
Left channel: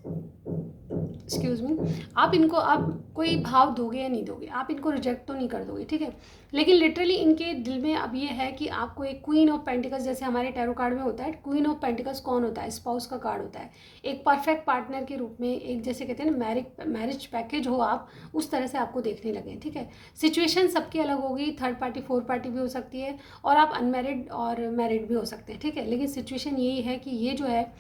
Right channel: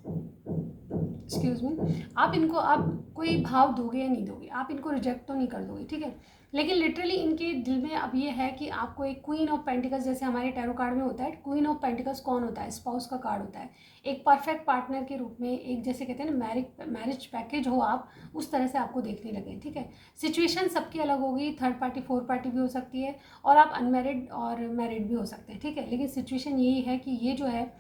एक्सक्यूज़ मी, आप इनको अब कोई भाव दोगे या नहीं दोगे, आप इनको रिजेक्ट तो नहीं कर दोगे, ठीक है। लेकिन लिटरली इनके दिल में अब ये है कि आपको एक क्वीन ऑफ पेंटिकल्स, जैसे हमारे टैरो कार्ड में होता है, क्वीन ऑफ पेंटिकल्स कौन होता है? स्पाउस का कार्ड होता है। एक परफेक्ट पार्टनर के रूप में, एक जैसे कहते हैं ना मैरिज पैकेज हो आप, उस तरह से आपको देखने लगे, ठीक है। सिचुएशन सबकी अलग होगी, थर्ड पार्टी फोर्थ पार्टी भी हो सकती है, और आप अनमैरिड और मैरिड भी हो सकते हैं, ठीक है। लेकिन सिचुएशन यही है कि ये जो है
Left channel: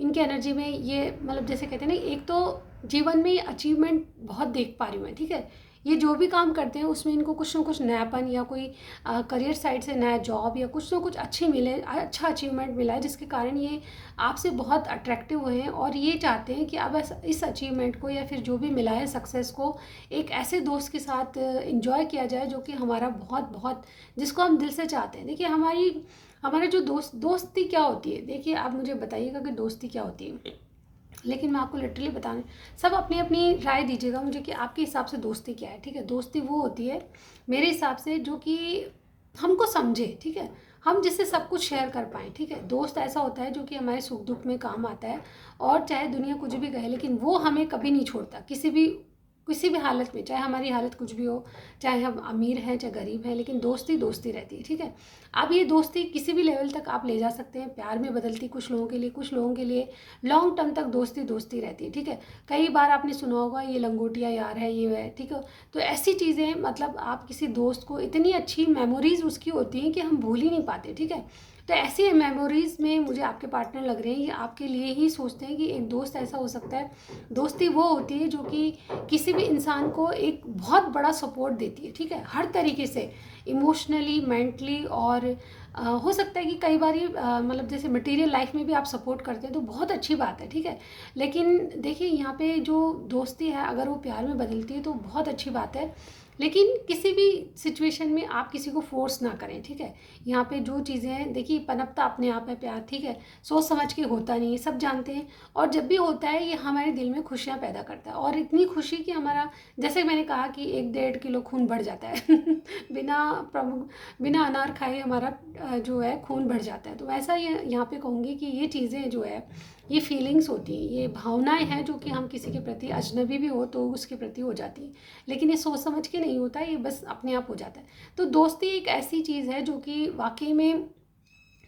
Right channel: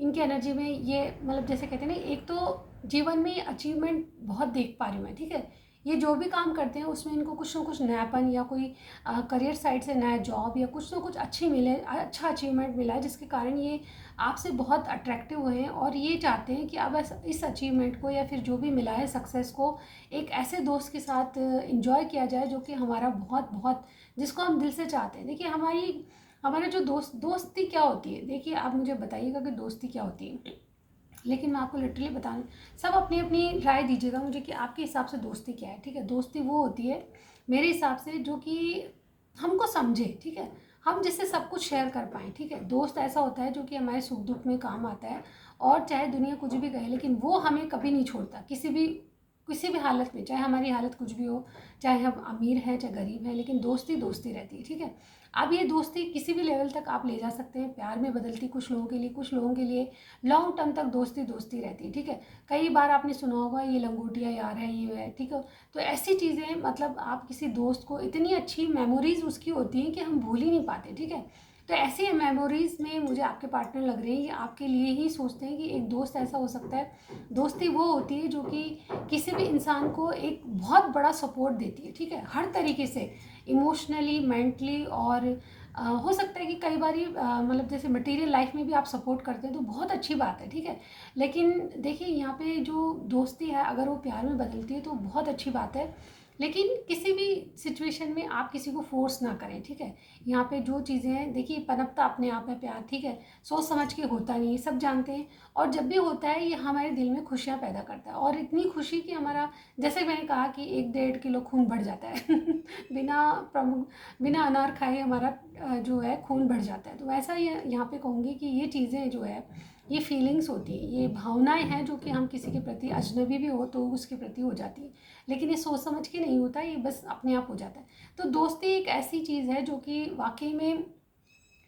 इनकी एनर्जी में, ये मतलब जैसे कहते हैं ना, एक तो जीवन में अचीवमेंट बहुत देख पा रही हूँ मैं, ठीक है। ये जो भी काम करते हैं उसमें इनको कुछ ना कुछ नयापन, या कोई करियर साइड से नया जॉब या कुछ ना कुछ अच्छी मिले, अच्छा अचीवमेंट मिला है, जिसके कारण ये आपसे बहुत अट्रैक्टिव हुए हैं। और ये चाहते हैं कि अब इस अचीवमेंट को या फिर जो भी मिला है सक्सेस को एक ऐसे दोस्त के साथ इंजॉय किया जाए जो कि हमारा बहुत बहुत, जिसको हम दिल से चाहते हैं। देखिए, हमारा जो दोस्ती क्या होती है, देखिए आप मुझे बताइएगा कि दोस्ती क्या होती है। लेकिन मैं आपको लिटरली बताने, सब अपनी अपनी राय दीजिएगा मुझे कि आपके हिसाब से दोस्ती क्या है, ठीक है। दोस्ती वो होती है मेरे हिसाब से जो कि हमको समझे, ठीक है, हम जिससे सब कुछ शेयर कर पाएँ, ठीक है। दोस्त ऐसा होता है जो कि हमारे सुख दुख में काम आता है, और चाहे दुनिया कुछ भी कहे, लेकिन वो हमें कभी नहीं छोड़ता, किसी भी हालत में, चाहे हमारी हालत कुछ भी हो, चाहे हम अमीर हैं चाहे गरीब हैं, लेकिन दोस्ती दोस्ती रहती है, ठीक है। अब ये दोस्ती किसी भी लेवल तक आप ले जा सकते हैं, प्यार में बदलती कुछ लोगों के लिए, कुछ लोगों के लिए लॉन्ग टर्म तक दोस्ती दोस्ती रहती है, ठीक है। कई बार आपने सुना होगा ये लंगोटिया यार है, ये है, ठीक है। तो ऐसी चीज़ें, मतलब आप किसी दोस्त को, इतनी अच्छी मेमोरीज उसकी होती हैं कि हम भूल ही नहीं पाते, ठीक है। तो ऐसी मेमोरीज में मुझे आपके पार्टनर लग रहे हैं, ये आपके लिए ही सोचते हैं कि एक दोस्त ऐसा हो सकता है। दोस्ती वो होती है जो कि किसी भी इंसान को एक बहुत बड़ा सपोर्ट देती है, ठीक है, हर तरीके से, इमोशनली, मेंटली, और हो सकता है कि कई बार मतलब जैसे मटेरियल लाइफ में भी आप सपोर्ट करते हैं, तो बहुत अच्छी बात है, ठीक है। लेकिन देखिए, यहाँ पे जो दोस्ती है अगर वो प्यार में बदलती है तो बहुत अच्छी बात है, लेकिन किसी भी सिचुएशन में आप किसी को फोर्स ना करें, ठीक है। यहाँ पे जो चीज़ें हैं, देखिए, पनपता अपने आप है प्यार, ठीक है, सोच समझ के होता नहीं है, सब जानते हैं। और जब भी होता है ये हमारे दिल में खुशियाँ पैदा करता है, और इतनी खुशी कि हमारा, जैसे मैंने कहा कि 1-1.5 किलो खून बढ़ जाता है बिना बिना अनार खाए हमारा जो है खून बढ़ जाता है। तो वैसा ये यहाँ पे कहूँगी कि ये चीज़ें जो है, ये फीलिंग्स होती हैं, ये भावनाएं हैं जो कि हम किसी के प्रति, अजनबी भी हो तो उसके प्रति हो जाती हैं, लेकिन ये सोच समझ के नहीं होता, ये बस अपने आप हो जाता है। तो दोस्ती एक ऐसी चीज़ है जो कि वाकई में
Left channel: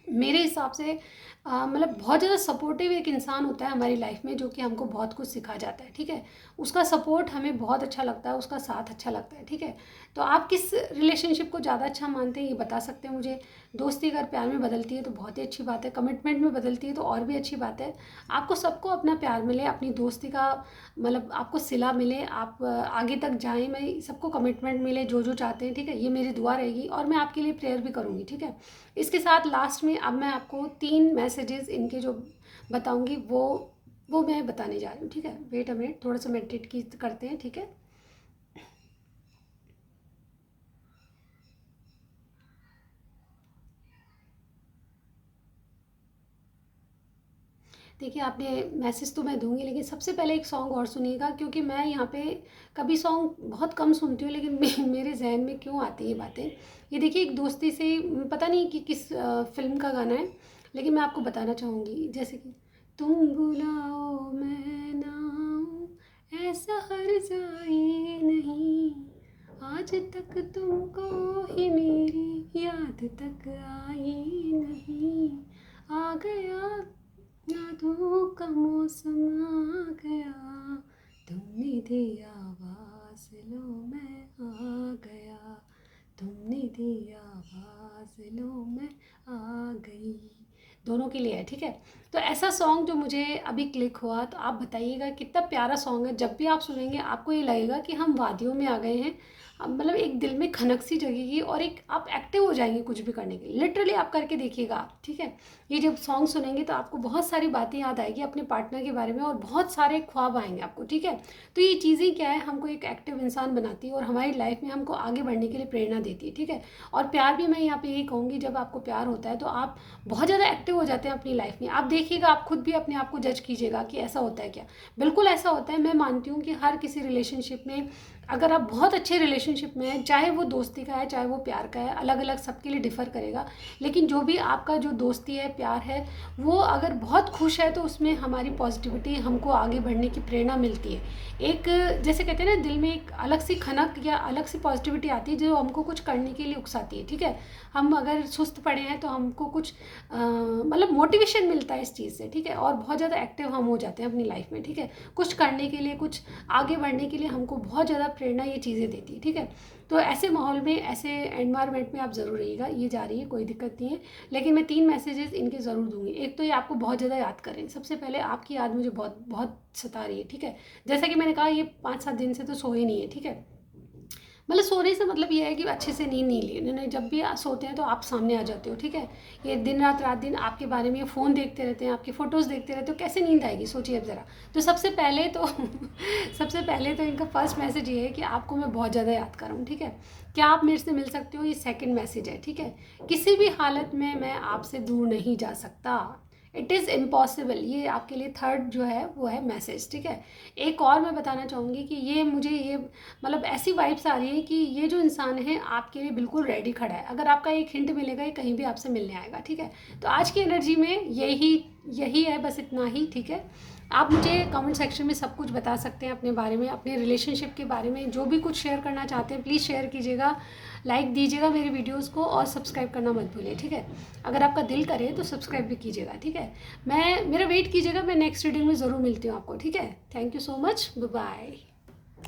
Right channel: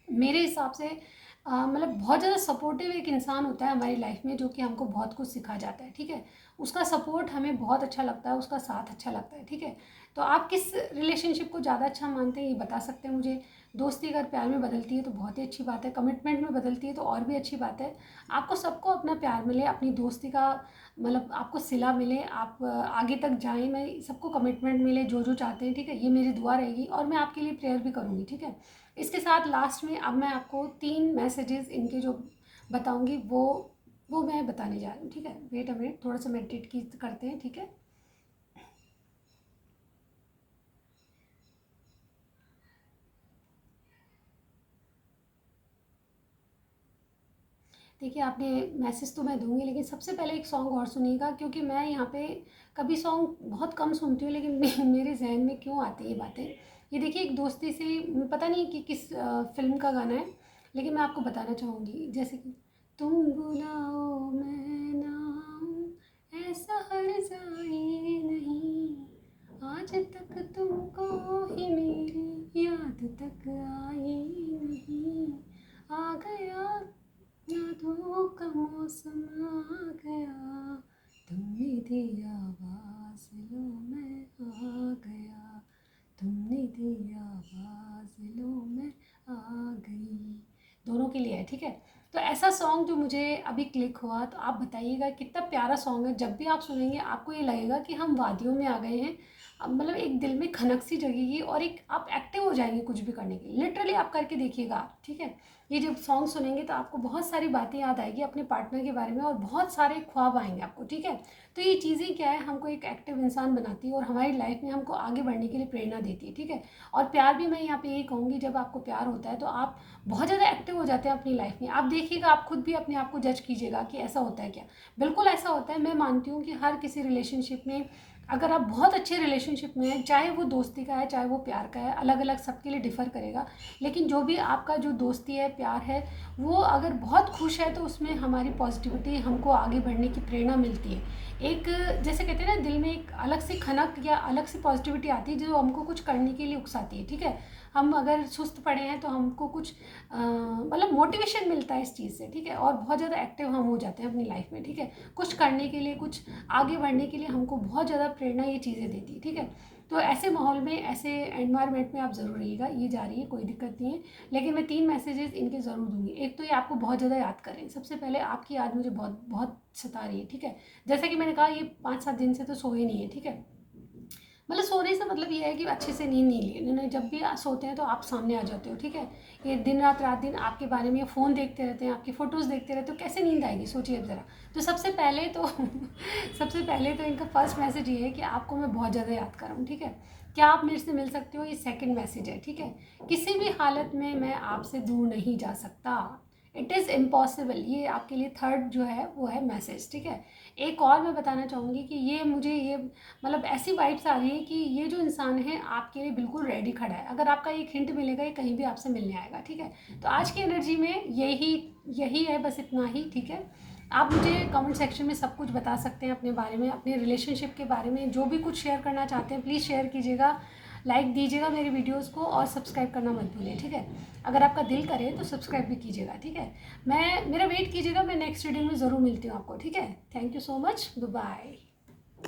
मेरे हिसाब से मतलब बहुत ज़्यादा सपोर्टिव एक इंसान होता है हमारी लाइफ में, जो कि हमको बहुत कुछ सिखा जाता है, ठीक है। उसका सपोर्ट हमें बहुत अच्छा लगता है, उसका साथ अच्छा लगता है, ठीक है। तो आप किस रिलेशनशिप को ज़्यादा अच्छा मानते हैं, ये बता सकते हैं मुझे। दोस्ती अगर प्यार में बदलती है तो बहुत ही अच्छी बात है, कमिटमेंट में बदलती है तो और भी अच्छी बात है। आपको सबको अपना प्यार मिले, अपनी दोस्ती का मतलब आपको सिला मिले, आप आगे तक जाएं, मैं सबको कमिटमेंट मिले जो जो चाहते हैं, ठीक है। ये मेरी दुआ रहेगी और मैं आपके लिए प्रेयर भी करूँगी, ठीक है। इसके साथ लास्ट में अब मैं आपको 3 मैसेजेस इनके जो बताऊँगी वो मैं बताने जा रही हूँ, ठीक है। वेट अ मिनट, थोड़ा सा मेडिटेट की करते हैं, ठीक है। देखिए, आपने मैसेज तो मैं दूँगी, लेकिन सबसे पहले एक सॉन्ग और सुनिएगा, क्योंकि मैं यहाँ पे कभी सॉन्ग बहुत कम सुनती हूँ, लेकिन मेरे ज़हन में क्यों आती है ये बातें। ये देखिए, एक दोस्ती से पता नहीं कि किस फ़िल्म का गाना है, लेकिन मैं आपको बताना चाहूँगी, जैसे कि तुम बुलाओ मैं ना आऊँ, ऐसा हर्ज़ाई नहीं, आज तक तुमको ही मेरी याद तक आई नहीं, आ गया यादों का मौसम आ गया, तुमने दी आवाज़ लो मैं आ गया, तुमने दी आवाज़ लो मैं आ गई। दोनों के लिए है, ठीक है। तो ऐसा सॉन्ग जो मुझे अभी क्लिक हुआ, तो आप बताइएगा कितना प्यारा सॉन्ग है। जब भी आप सुनेंगे आपको ये लगेगा कि हम वादियों में आ गए हैं। मतलब एक दिल में खनक सी जगेगी और एक आप एक्टिव हो जाएंगे कुछ भी करने के लिए। लिटरली आप करके देखिएगा आप, ठीक है। ये जब सॉन्ग सुनेंगे तो आपको बहुत सारी बातें याद आएगी अपने पार्टनर के बारे में, और बहुत सारे ख्वाब आएंगे आपको, ठीक है। तो ये चीज़ें क्या है, हमको एक एक्टिव इंसान बनाती है और हमारी लाइफ में हमको आगे बढ़ने के लिए प्रेरणा देती है, ठीक है। और प्यार भी मैं यहाँ पे यही कहूँगी, जब आपको प्यार होता है तो आप बहुत ज़्यादा एक्टिव हो जाते हैं अपनी लाइफ में। आप देखिएगा, आप खुद भी अपने आप को जज कीजिएगा कि ऐसा होता है क्या। बिल्कुल ऐसा होता है। मैं मानती हूँ कि हर किसी रिलेशनशिप में, अगर आप बहुत अच्छे रिलेशनशिप में हैं, चाहे वो दोस्ती का है चाहे वो प्यार का है, अलग अलग सबके लिए डिफ़र करेगा, लेकिन जो भी आपका जो दोस्ती है, प्यार है, वो अगर बहुत खुश है तो उसमें हमारी पॉजिटिविटी, हमको आगे बढ़ने की प्रेरणा मिलती है। एक, जैसे कहते हैं ना, दिल में एक अलग सी खनक या अलग सी पॉजिटिविटी आती है जो हमको कुछ करने के लिए उकसाती है, ठीक है। हम अगर सुस्त पड़े हैं तो हमको कुछ मतलब मोटिवेशन मिलता है इस चीज़ से, ठीक है। और बहुत ज़्यादा एक्टिव हम हो जाते हैं अपनी लाइफ में, ठीक है। कुछ करने के लिए, कुछ आगे बढ़ने के लिए हमको बहुत ज़्यादा प्रेरणा ये चीज़ें देती है, ठीक है। तो ऐसे माहौल में, ऐसे एनवायरनमेंट में आप ज़रूर रहिएगा। ये जा रही है, कोई दिक्कत नहीं है, लेकिन मैं 3 मैसेजेस इनके ज़रूर दूँगी। एक तो ये आपको बहुत ज़्यादा याद करें। सबसे पहले आपकी याद मुझे बहुत बहुत सता रही है, ठीक है। जैसा कि मैंने कहा, ये 5-7 दिन से तो सोए नहीं है, ठीक है। मतलब सोने से मतलब ये है कि अच्छे से नींद नहीं ली इन्होंने। जब भी सोते हैं तो आप सामने आ जाते हो, ठीक है। ये दिन रात रात दिन आपके बारे में फ़ोन देखते रहते हैं, आपकी फ़ोटोज़ देखते रहते हो, कैसे नींद आएगी, सोचिए अब ज़रा। तो सबसे पहले तो सबसे पहले तो इनका फर्स्ट मैसेज ये है कि आपको मैं बहुत ज़्यादा याद कर रहा हूँ, ठीक है। क्या आप मेरे से मिल सकते हो, ये सेकंड मैसेज है, ठीक है। किसी भी हालत में मैं आपसे दूर नहीं जा सकता, इट इज़ इम्पॉसिबल। ये आपके लिए थर्ड जो है वो है मैसेज, ठीक है। एक और मैं बताना चाहूँगी कि ये मुझे ये मतलब ऐसी वाइब्स आ रही है कि ये जो इंसान है आपके लिए बिल्कुल रेडी खड़ा है। अगर आपका एक हिंट मिलेगा, ये कहीं भी आपसे मिलने आएगा, ठीक है। तो आज की एनर्जी में यही यही है, बस इतना ही, ठीक है। आप मुझे कमेंट सेक्शन में सब कुछ बता सकते हैं अपने बारे में, अपने रिलेशनशिप के बारे में, जो भी कुछ शेयर करना चाहते हैं प्लीज़ शेयर कीजिएगा, लाइक दीजिएगा मेरी वीडियोस को, और सब्सक्राइब करना मत भूलिए, ठीक है। अगर आपका दिल करे तो सब्सक्राइब भी कीजिएगा, ठीक है। मेरा वेट कीजिएगा, मैं नेक्स्ट वीडियो में ज़रूर मिलती हूँ आपको, ठीक है। Thank you so much, bye bye.